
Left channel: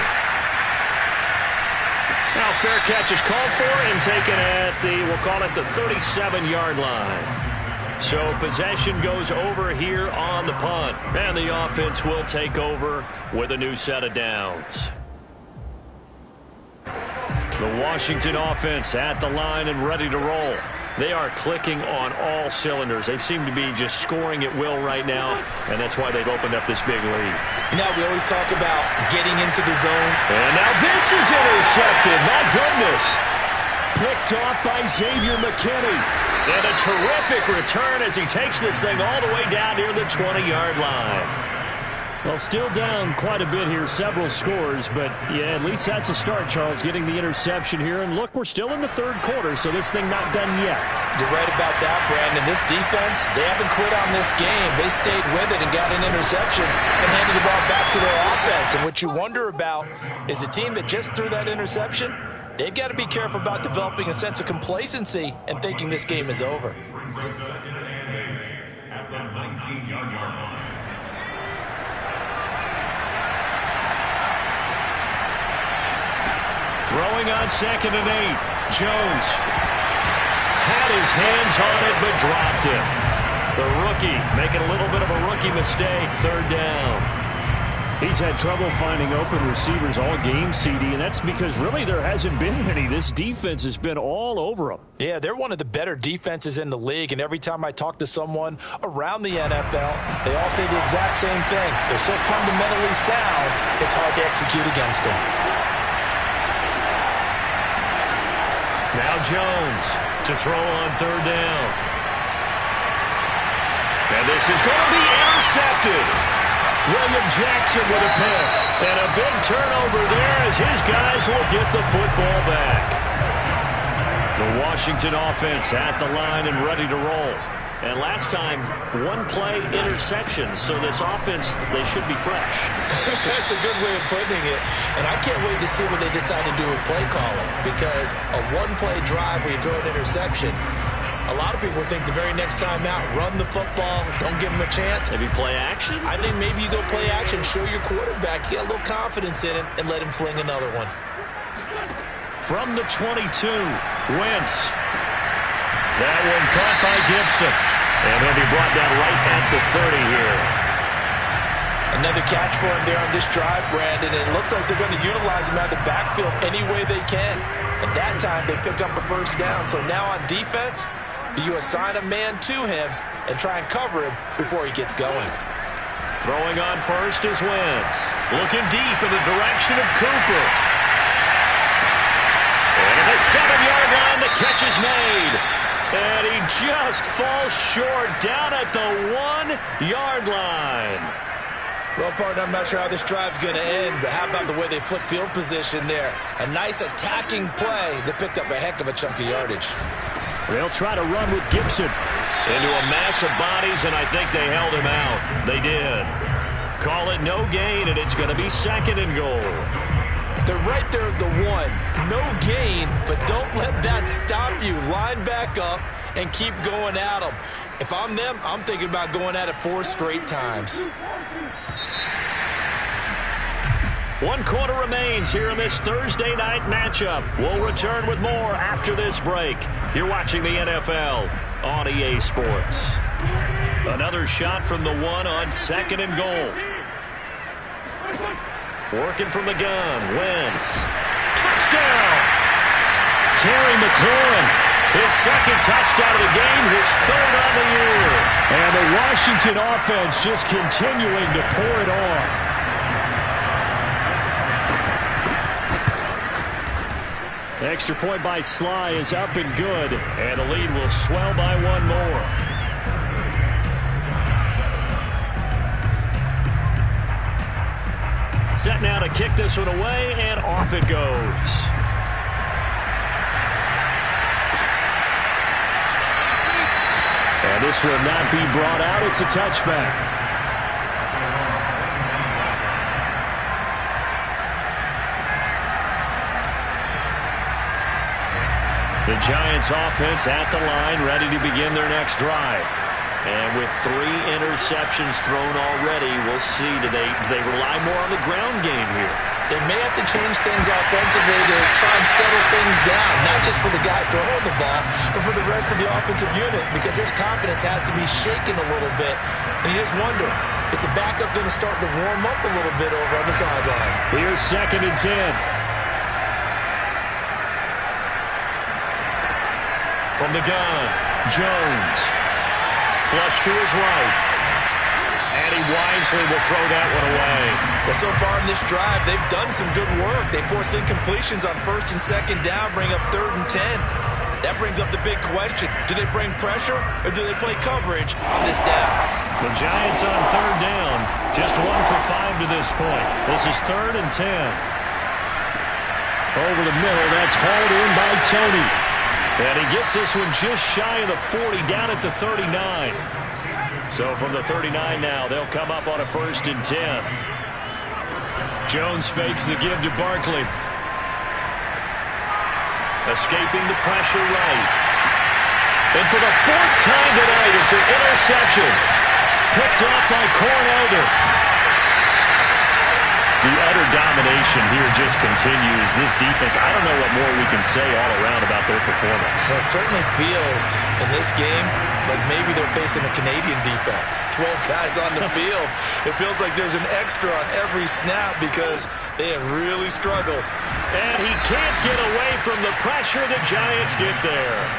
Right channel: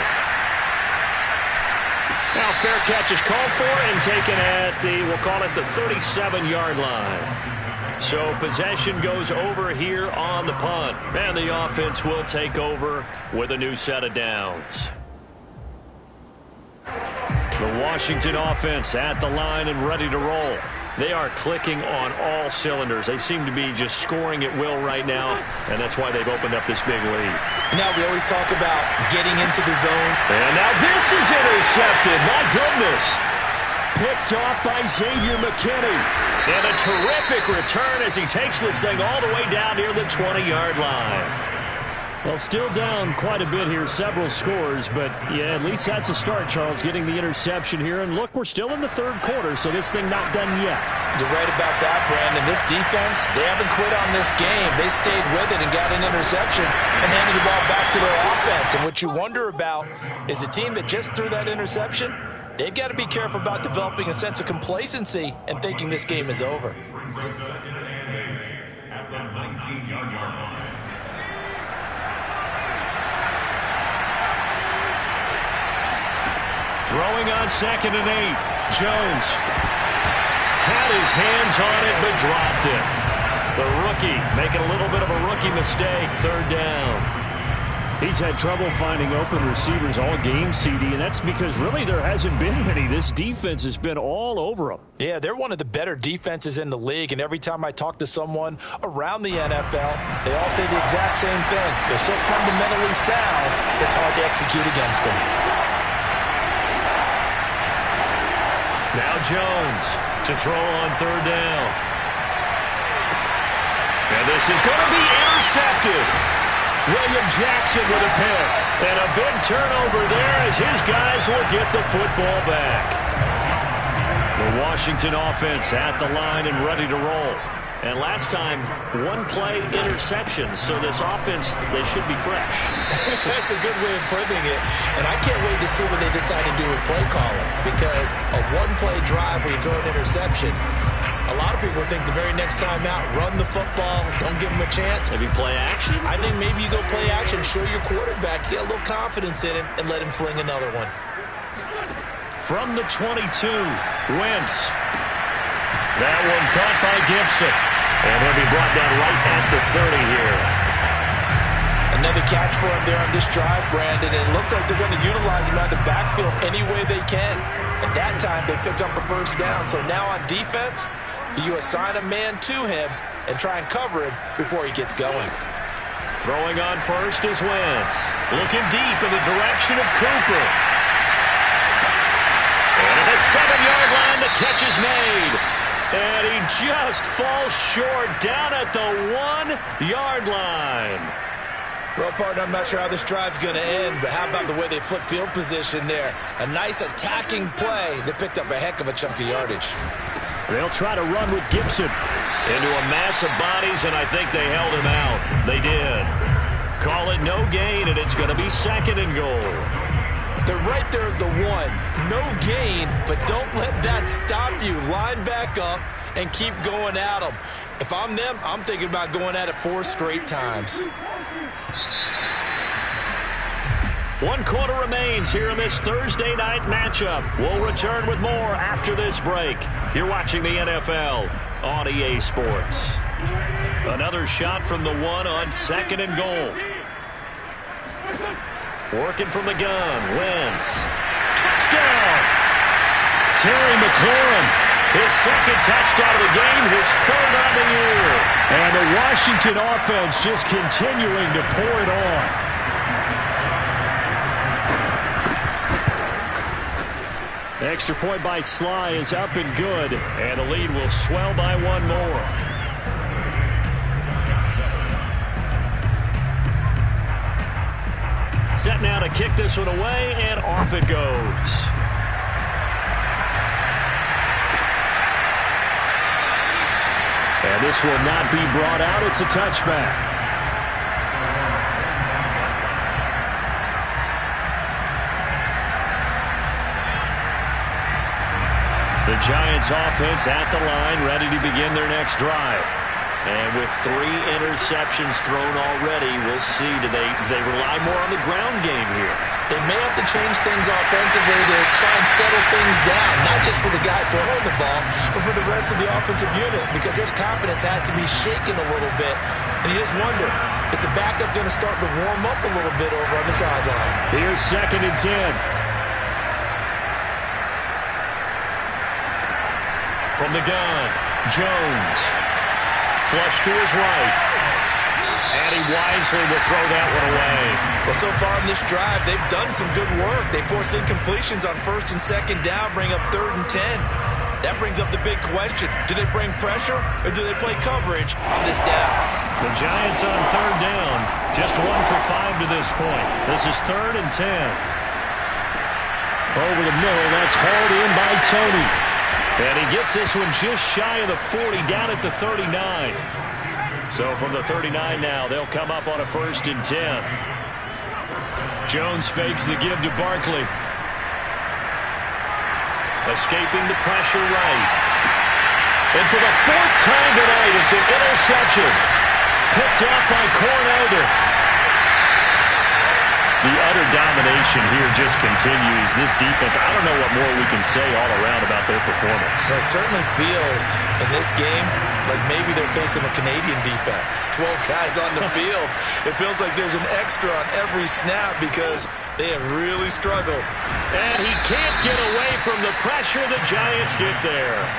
Now fair catch is called for and taken at the, we'll call it the 37-yard line. So possession goes over here on the punt. And the offense will take over with a new set of downs. The Washington offense at the line and ready to roll. They are clicking on all cylinders. They seem to be just scoring at will right now, and that's why they've opened up this big lead. Now we always talk about getting into the zone. And now this is intercepted. My goodness. Picked off by Xavier McKinney. And a terrific return as he takes this thing all the way down near the 20-yard line. Well, still down quite a bit here, several scores, but yeah, at least that's a start, Charles, getting the interception here. And look, we're still in the third quarter, so this thing not done yet. You're right about that, Brandon. This defense, they haven't quit on this game. They stayed with it and got an interception and handed the ball back to their offense. And what you wonder about is a team that just threw that interception, they've got to be careful about developing a sense of complacency and thinking this game is over. At the 19-yard line. Throwing on 2nd and 8. Jones had his hands on it but dropped it. The rookie making a little bit of a rookie mistake. 3rd down. He's had trouble finding open receivers all game, CD, and that's because really there hasn't been any. This defense has been all over them. Yeah, they're one of the better defenses in the league, and every time I talk to someone around the NFL, they all say the exact same thing. They're so fundamentally sound, it's hard to execute against them. Now Jones to throw on 3rd down. And this is going to be intercepted. William Jackson with a pick. And a big turnover there as his guys will get the football back. The Washington offense at the line and ready to roll. And last time, 1-play interception. So this offense, they should be fresh. That's a good way of putting it. And I can't wait to see what they decide to do with play calling. Because a 1-play drive where you throw an interception, a lot of people think the very next time out, run the football, don't give them a chance. Maybe play action? I think maybe you go play action, show your quarterback, get a little confidence in him, and let him fling another one. From the 22, Wentz. That one caught by Gibson. And he'll be brought down right at the 30 here. Another catch for him there on this drive, Brandon. And it looks like they're going to utilize him out of the backfield any way they can. At that time, they pick up a 1st down. So now on defense, do you assign a man to him and try and cover him before he gets going? Throwing on 1st is Wentz. Looking deep in the direction of Cooper. And at the 7-yard line, the catch is made. And he just falls short down at the 1-yard line. Well, partner, I'm not sure how this drive's going to end, but how about the way they flip field position there? A nice attacking play that picked up a heck of a chunk of yardage. They'll try to run with Gibson into a mass of bodies, and I think they held him out. They did. Call it no gain, and it's going to be 2nd and goal. They're right there at the 1. No gain, but don't let that stop you. Line back up and keep going at them. If I'm them, I'm thinking about going at it 4 straight times. 1 quarter remains here in this Thursday night matchup. We'll return with more after this break. You're watching the NFL on EA Sports. Another shot from the one on 2nd and goal. Working from the gun. Wentz. Touchdown! Terry McLaurin. His 2nd touchdown of the game. His 3rd on the year. And the Washington offense just continuing to pour it on. Extra point by Sly is up and good. And the lead will swell by 1 more. Set now to kick this one away, and off it goes. And this will not be brought out. It's a touchback. The Giants offense at the line, ready to begin their next drive. And with 3 interceptions thrown already, we'll see. Do they rely more on the ground game here? They may have to change things offensively to try and settle things down, not just for the guy throwing the ball, but for the rest of the offensive unit, because their confidence has to be shaken a little bit. And you just wonder, is the backup going to start to warm up a little bit over on the sideline? Here's 2nd and 10. From the gun, Jones. Flush to his right. And he wisely will throw that one away. Well, so far in this drive, they've done some good work. They force incompletions on 1st and 2nd down, bring up 3rd and 10. That brings up the big question. Do they bring pressure or do they play coverage on this down? The Giants on 3rd down. Just 1 for 5 to this point. This is 3rd and 10. Over the middle, that's hauled in by Tony. And he gets this one just shy of the 40, down at the 39. So from the 39 now, they'll come up on a 1st and 10. Jones fakes the give to Barkley. Escaping the pressure right. And for the 4th time tonight, it's an interception. Picked off by Cornelder. The utter domination here just continues. This defense, I don't know what more we can say all around about their performance. Well, it certainly feels in this game like maybe they're facing a Canadian defense. 12 guys on the field. It feels like there's an extra on every snap because they have really struggled. And he can't get away from the pressure. The Giants get there.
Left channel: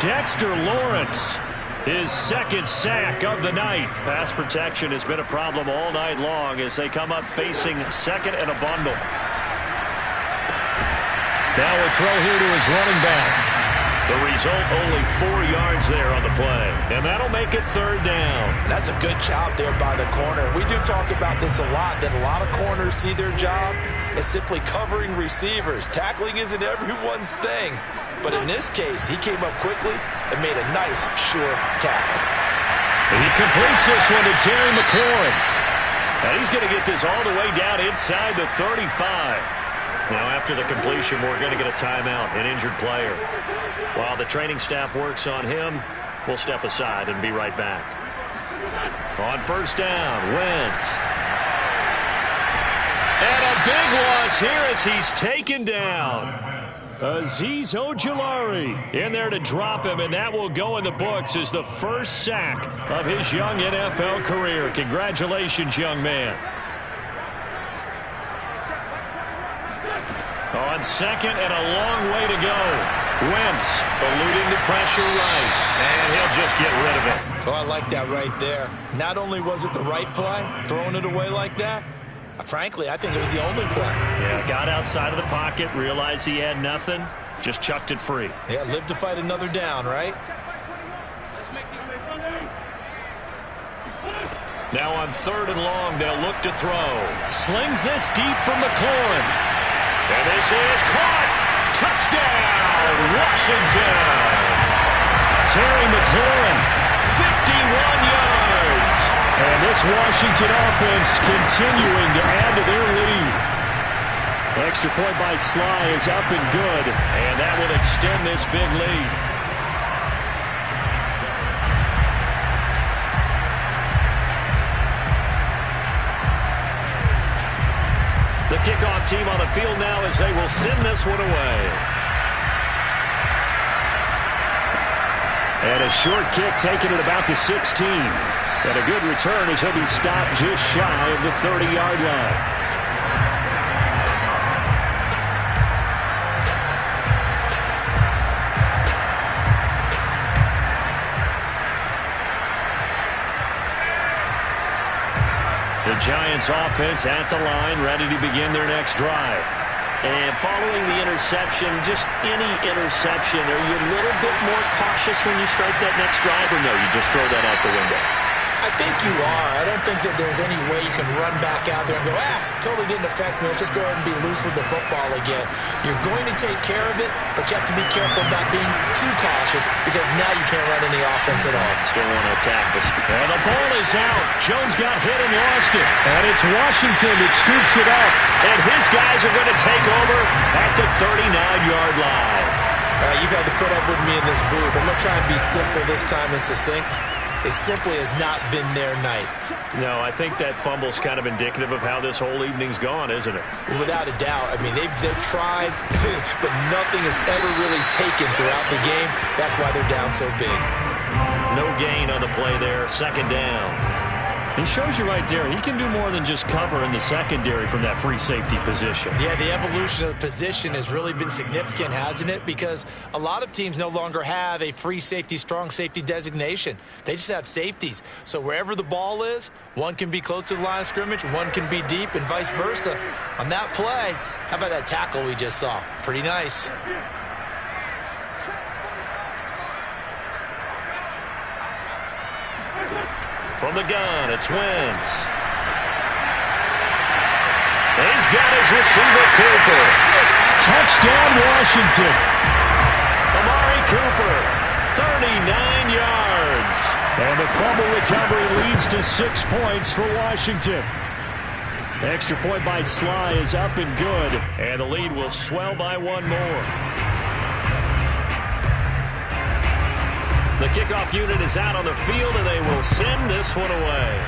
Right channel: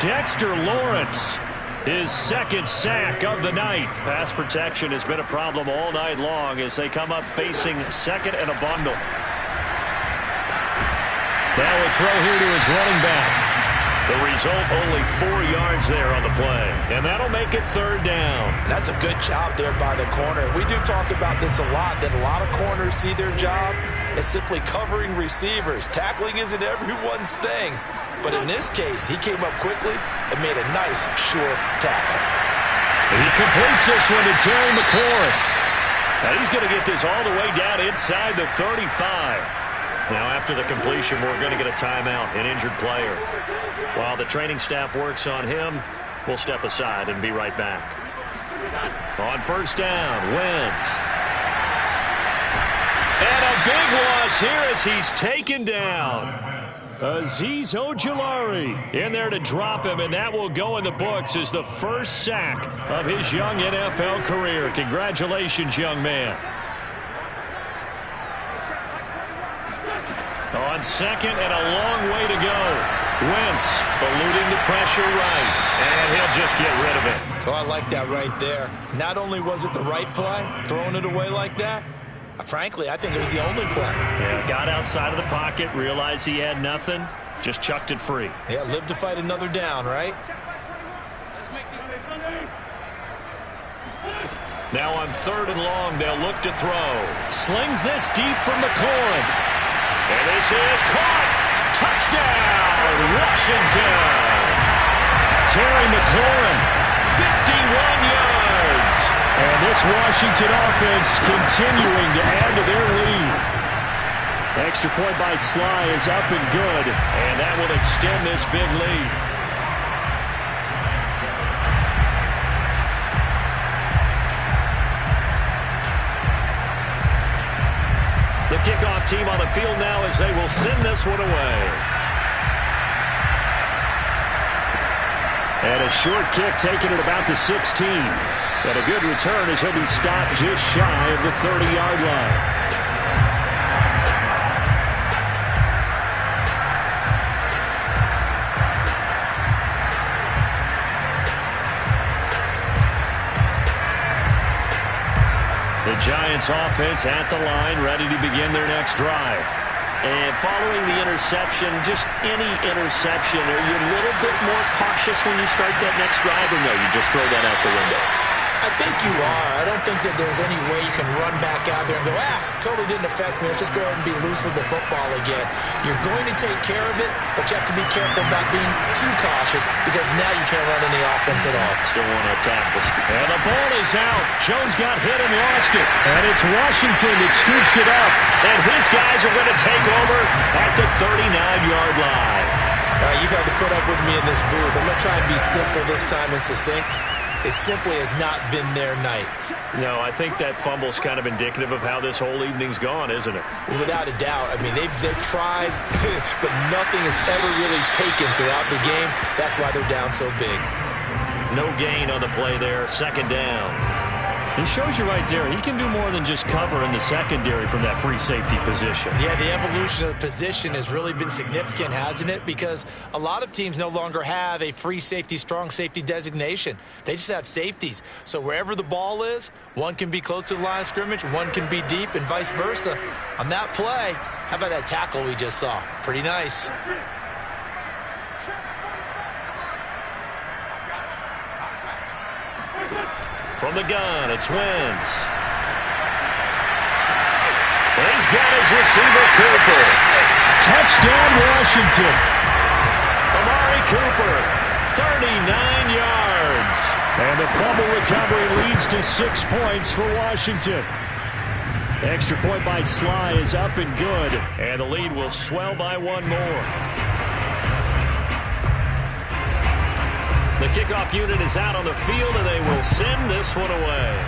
Dexter Lawrence, his 2nd sack of the night. Pass protection has been a problem all night long as they come up facing 2nd and a bundle. Now a throw here to his running back. The result, only 4 yards there on the play. And that'll make it 3rd down. And that's a good job there by the corner. We do talk about this a lot, that a lot of corners see their job as simply covering receivers. Tackling isn't everyone's thing. But in this case, he came up quickly and made a nice, sure tackle. He completes this one to Terry McLaurin. And he's going to get this all the way down inside the 35. Now, after the completion, we're going to get a timeout, an injured player. While the training staff works on him, we'll step aside and be right back. On 1st down, Wentz. And a big loss here as he's taken down. Azeez Ojulari in there to drop him, and that will go in the books as the 1st sack of his young NFL career. Congratulations, young man. On 2nd and a long way to go. Wentz eluding the pressure right, and he'll just get rid of it. Oh, I like that right there. Not only was it the right play, throwing it away like that, frankly, I think it was the only play. Yeah, got outside of the pocket, realized he had nothing, just chucked it free. Yeah, live to fight another down, right? Now on 3rd and long, they'll look to throw. Slings this deep from McLaurin. And this is caught. Touchdown, Washington. Terry McLaurin, 51 yards. And this Washington offense continuing to add to their lead. Extra point by Sly is up and good. And that will extend this big lead. The kickoff team on the field now as they will send this one away. And a short kick taken at about the 16. And a good return as he'll be stopped just shy of the 30-yard line. The Giants offense at the line, ready to begin their next drive. And following the interception, just any interception, are you a little bit more cautious when you start that next drive, or no, you just throw that out the window? I think you are. I don't think that there's any way you can run back out there and go, totally didn't affect me. Let's just go ahead and be loose with the football again. You're going to take care of it, but you have to be careful about being too cautious because now you can't run any offense at all. Still want to attack this. And the ball is out. Jones got hit and lost it. And it's Washington that scoops it up. And his guys are going to take over at the 39-yard line. You've had to put up with me in this booth. I'm going to try and be simple this time and succinct. It simply has not been their night. No, I think that fumble's kind of indicative of how this whole evening's gone, isn't it? Without a doubt. I mean, they've tried, but nothing has ever really taken throughout the game. That's why they're down so big. No gain on the play there. Second down. It shows you right there, he can do more than just cover in the secondary from that free safety position. Yeah, the evolution of the position has really been significant, hasn't it? Because a lot of teams no longer have a free safety, strong safety designation. They just have safeties. So wherever the ball is, one can be close to the line of scrimmage, one can be deep, and vice versa. On that play, how about that tackle we just saw? Pretty nice. From the gun, it's Wentz. He's got his receiver, Cooper. Touchdown, Washington. Amari Cooper, 39 yards. And the fumble recovery leads to 6 points for Washington. The extra point by Sly is up and good. And the lead will swell by one more. The kickoff unit is out on the field, and they will send this one away.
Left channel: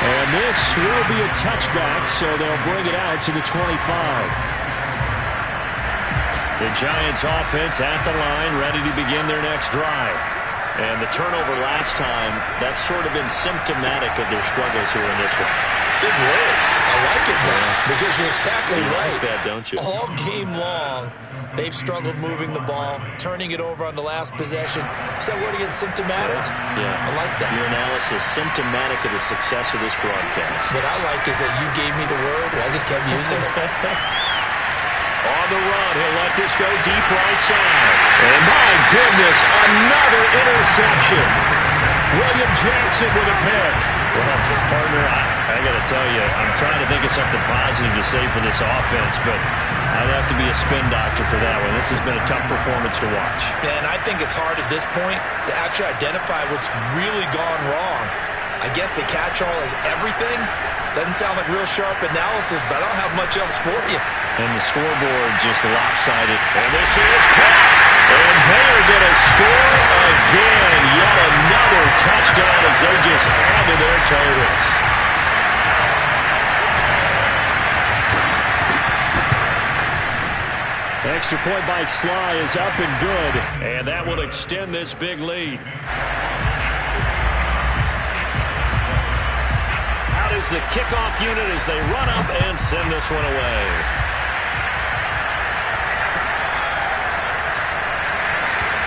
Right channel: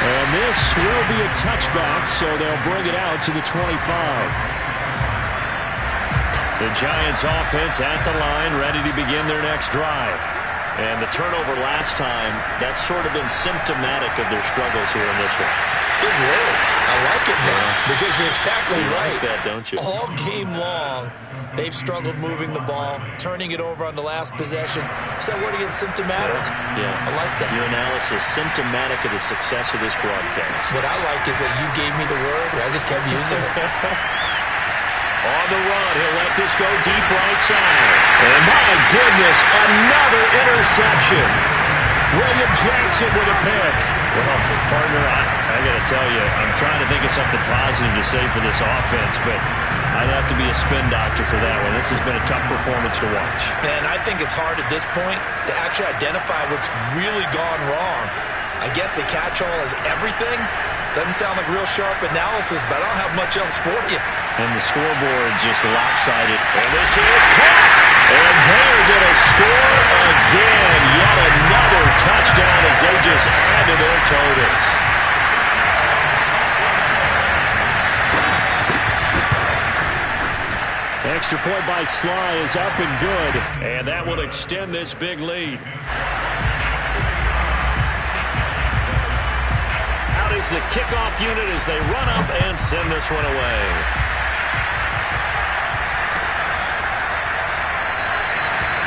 And this will be a touchback, so they'll bring it out to the 25. The Giants offense at the line, ready to begin their next drive. And the turnover last time, that's sort of been symptomatic of their struggles here in this one. Good word. I like it, though, because you're exactly right. You like that, don't you? All game long, they've struggled moving the ball, turning it over on the last possession. Is that word again, symptomatic? Yeah. I like that. Your analysis, symptomatic of the success of this broadcast. What I like is that you gave me the word, and I just kept using it. On the run, he'll let this go deep right side. And my goodness, another interception. William Jackson with a pick. Well, partner, I got to tell you, I'm trying to think of something positive to say for this offense, but I'd have to be a spin doctor for that one. This has been a tough performance to watch. And I think it's hard at this point to actually identify what's really gone wrong. I guess the catch-all is everything. Doesn't sound like real sharp analysis, but I don't have much else for you. And the scoreboard just lopsided. And this is caught. And they are going to score again. Yet another touchdown as they just add to their totals. Extra point by Sly is up and good. And that will extend this big lead. Out is the kickoff unit as they run up and send this one away.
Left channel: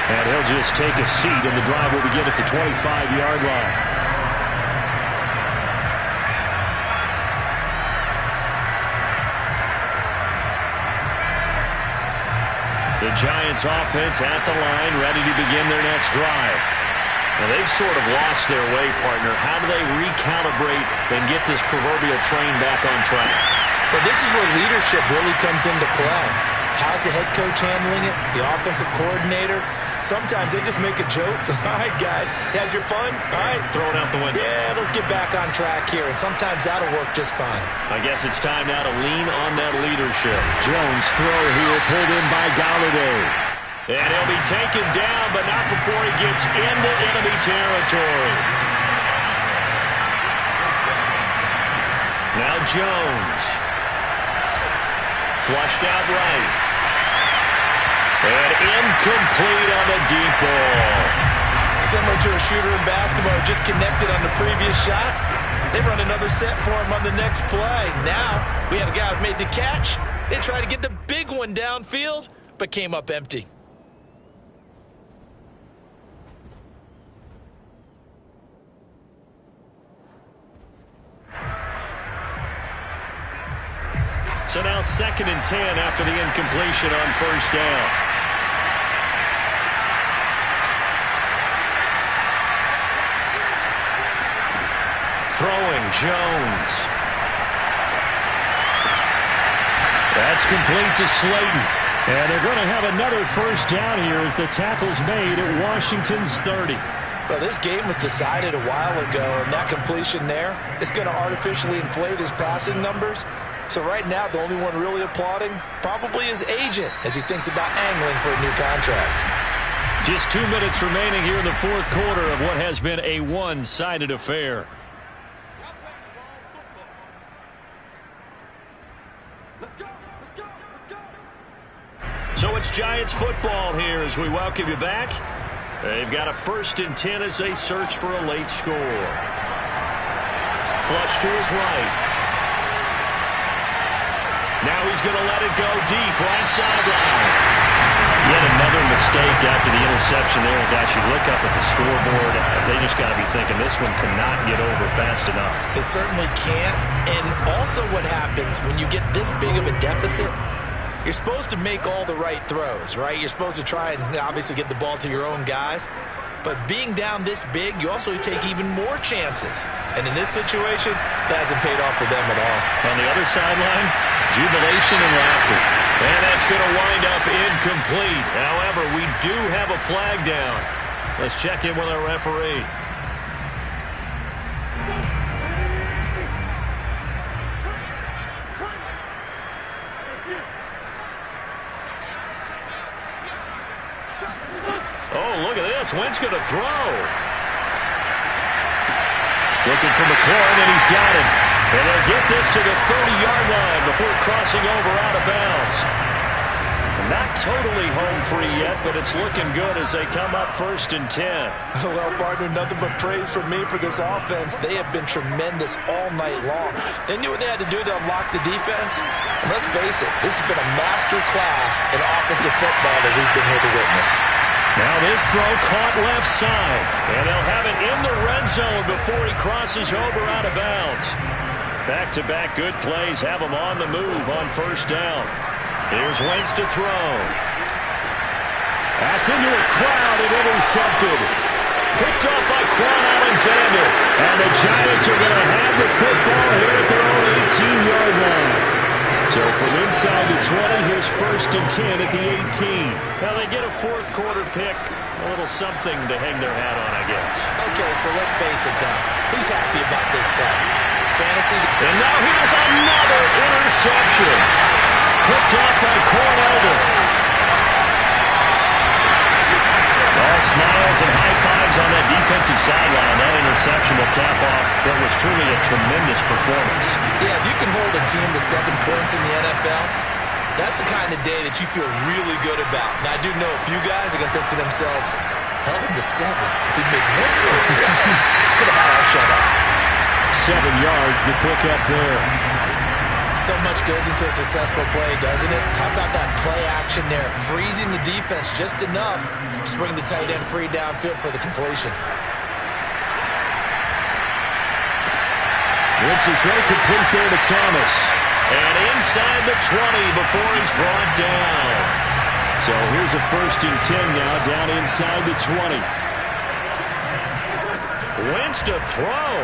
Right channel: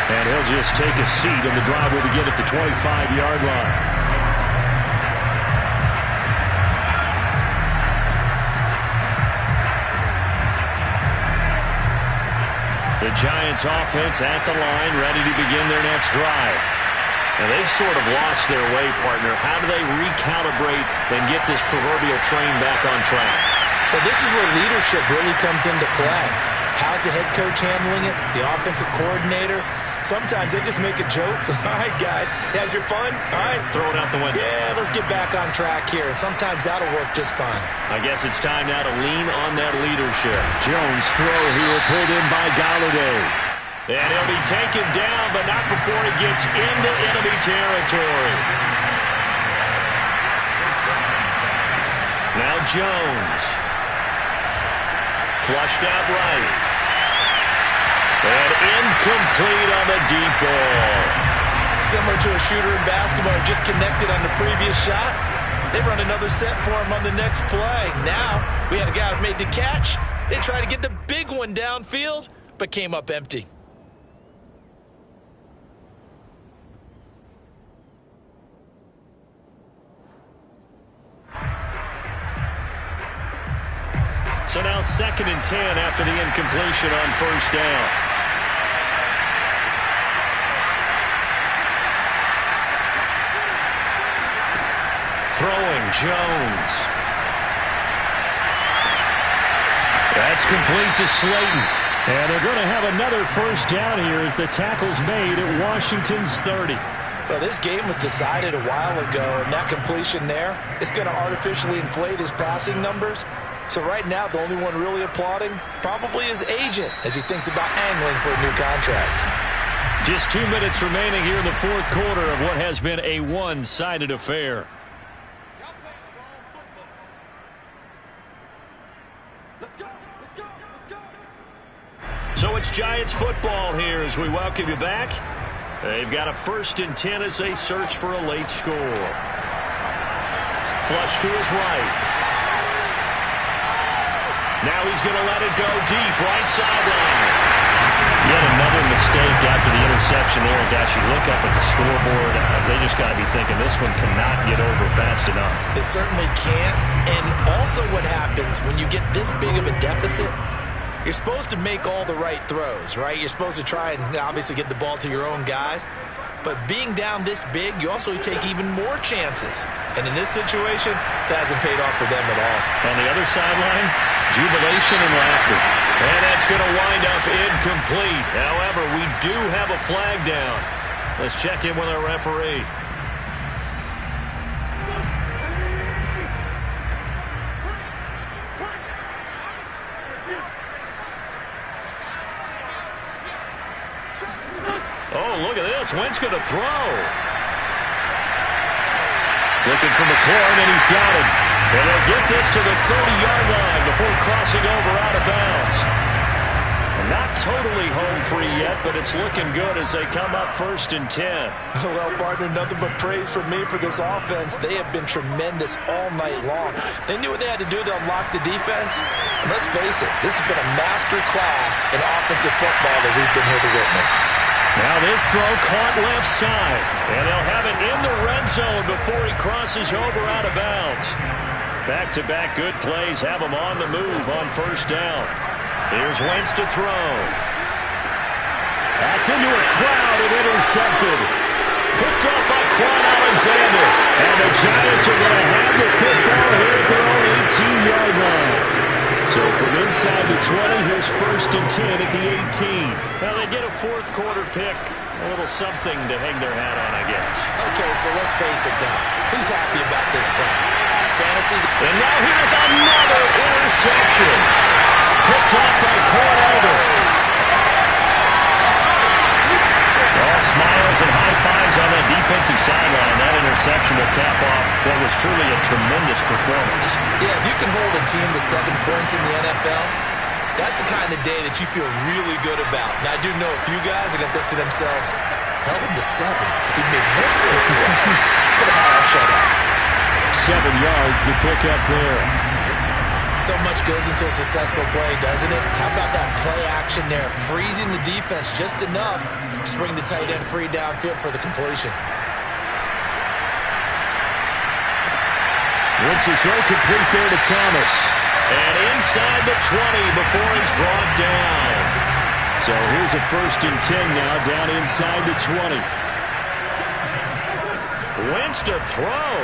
And he'll just take a seat, and the drive will begin at the 25-yard line. The Giants offense at the line, ready to begin their next drive. Now, they've sort of lost their way, partner. How do they recalibrate and get this proverbial train back on track? Well, this is where leadership really comes into play. How's the head coach handling it? The offensive coordinator? Sometimes they just make a joke. All right, guys, had your fun? All right. Throw it out the window. Yeah, let's get back on track here. And sometimes that'll work just fine. I guess it's time now to lean on that leadership. Jones throw here, pulled in by Galladay. And he'll be taken down, but not before he gets into enemy territory. Now Jones. Flushed out right. And incomplete on the deep ball. Similar to a shooter in basketball who just connected on the previous shot. They run another set for him on the next play. Now, we had a guy who made the catch. They tried to get the big one downfield, but came up empty. So now 2nd and 10 after the incompletion on first down. Throwing, Jones. That's complete to Slayton. And they're going to have another first down here as the tackle's made at Washington's 30. Well, this game was decided a while ago, and that completion there is going to artificially inflate his passing numbers. So right now, the only one really applauding probably his agent as he thinks about angling for a new contract. Just 2 minutes remaining here in the fourth quarter of what has been a one-sided affair. So it's Giants football here as we welcome you back. They've got a 1st and 10 as they search for a late score. Flush to his right. Now he's going to let it go deep, right sideline. Yet another mistake after the interception there. And guys, you look up at the scoreboard, they just got to be thinking this one cannot get over fast enough. It certainly can't. And also what happens when you get this big of a deficit, you're supposed to make all the right throws, right? You're supposed to try and obviously get the ball to your own guys. But being down this big, you also take even more chances. And in this situation, that hasn't paid off for them at all. On the other sideline, jubilation and laughter. And that's going to wind up incomplete. However, we do have a flag down. Let's check in with our referee. Oh, look at this. Wentz going to throw. Looking for McLaurin, and he's got him. And they'll get this to the 30-yard line before crossing over out of bounds. Not totally home free yet, but it's looking good as they come up 1st and 10. Well, partner, nothing but praise from me for this offense. They have been tremendous all night long. They knew what they had to do to unlock the defense. And let's face it, this has been a master class in offensive football that we've been here to witness. Now this throw caught left side, and they'll have it in the red zone before he crosses over out of bounds. Back-to-back good plays have him on the move on first down. Here's Wentz to throw. That's into a crowd and intercepted. Picked off by Quan Alexander. And the Giants are going to have the football here at their own 18-yard line. So from inside the 20, here's 1st and 10 at the 18. Now they get a fourth quarter pick. A little something to hang their hat on, I guess. Okay, so let's face it, though. Who's happy about this play? Fantasy? And now here's another interception. Picked off by Corn Elder. All smiles and high fives on that defensive sideline. That interception will cap off what was truly a tremendous performance. Yeah, if you can hold a team to 7 points in the NFL, that's the kind of day that you feel really good about. Now, I do know a few guys are going to think to themselves, held them to 7. If we made one more play, could have had our shutout. 7 yards to pick up there. So much goes into a successful play, doesn't it? How about that play action there? Freezing the defense just enough to bring the tight end free downfield for the completion. Wentz's throw complete there to Thomas. And inside the 20 before he's brought down. So here's a 1st and 10 now, down inside the 20. Wentz to throw.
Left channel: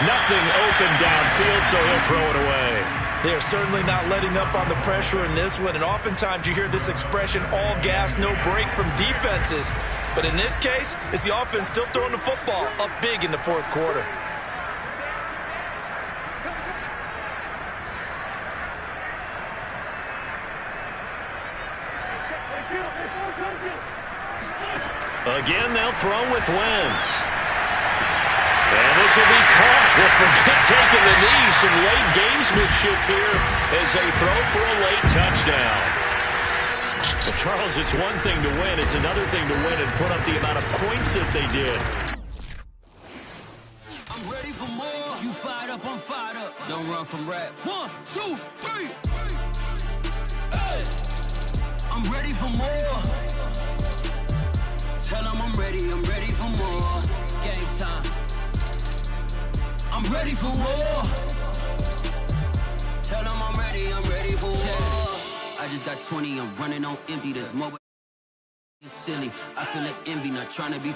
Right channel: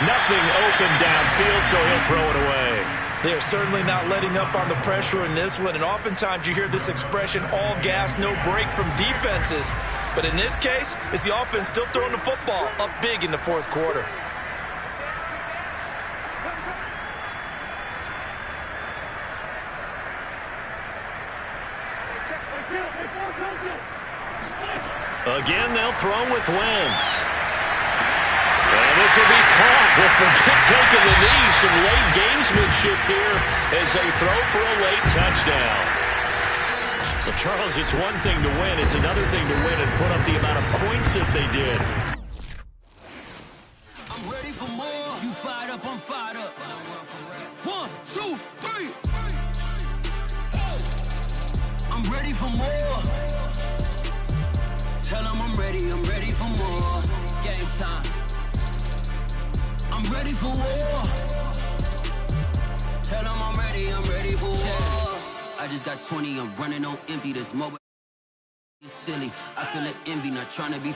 Nothing open downfield, so he'll throw it away. They are certainly not letting up on the pressure in this one, and oftentimes you hear this expression, all gas, no break from defenses. But in this case, it's the offense still throwing the football up big in the fourth quarter. Again, they'll throw with Wentz. And this will be caught. Well, forget taking the knee. Some late gamesmanship here as they throw for a late touchdown. Well, Charles, it's one thing to win. It's another thing to win and put up the amount of points that they did. I'm ready for more. You fired up, I'm fired up. Don't run from rap. 1, 2, 3. Hey. I'm ready for more. Tell them I'm ready for more. Game time. I'm ready for war. Tell them I'm ready for war. I just got 20, I'm running on empty. This mobile is silly. I feel it envy, not trying to be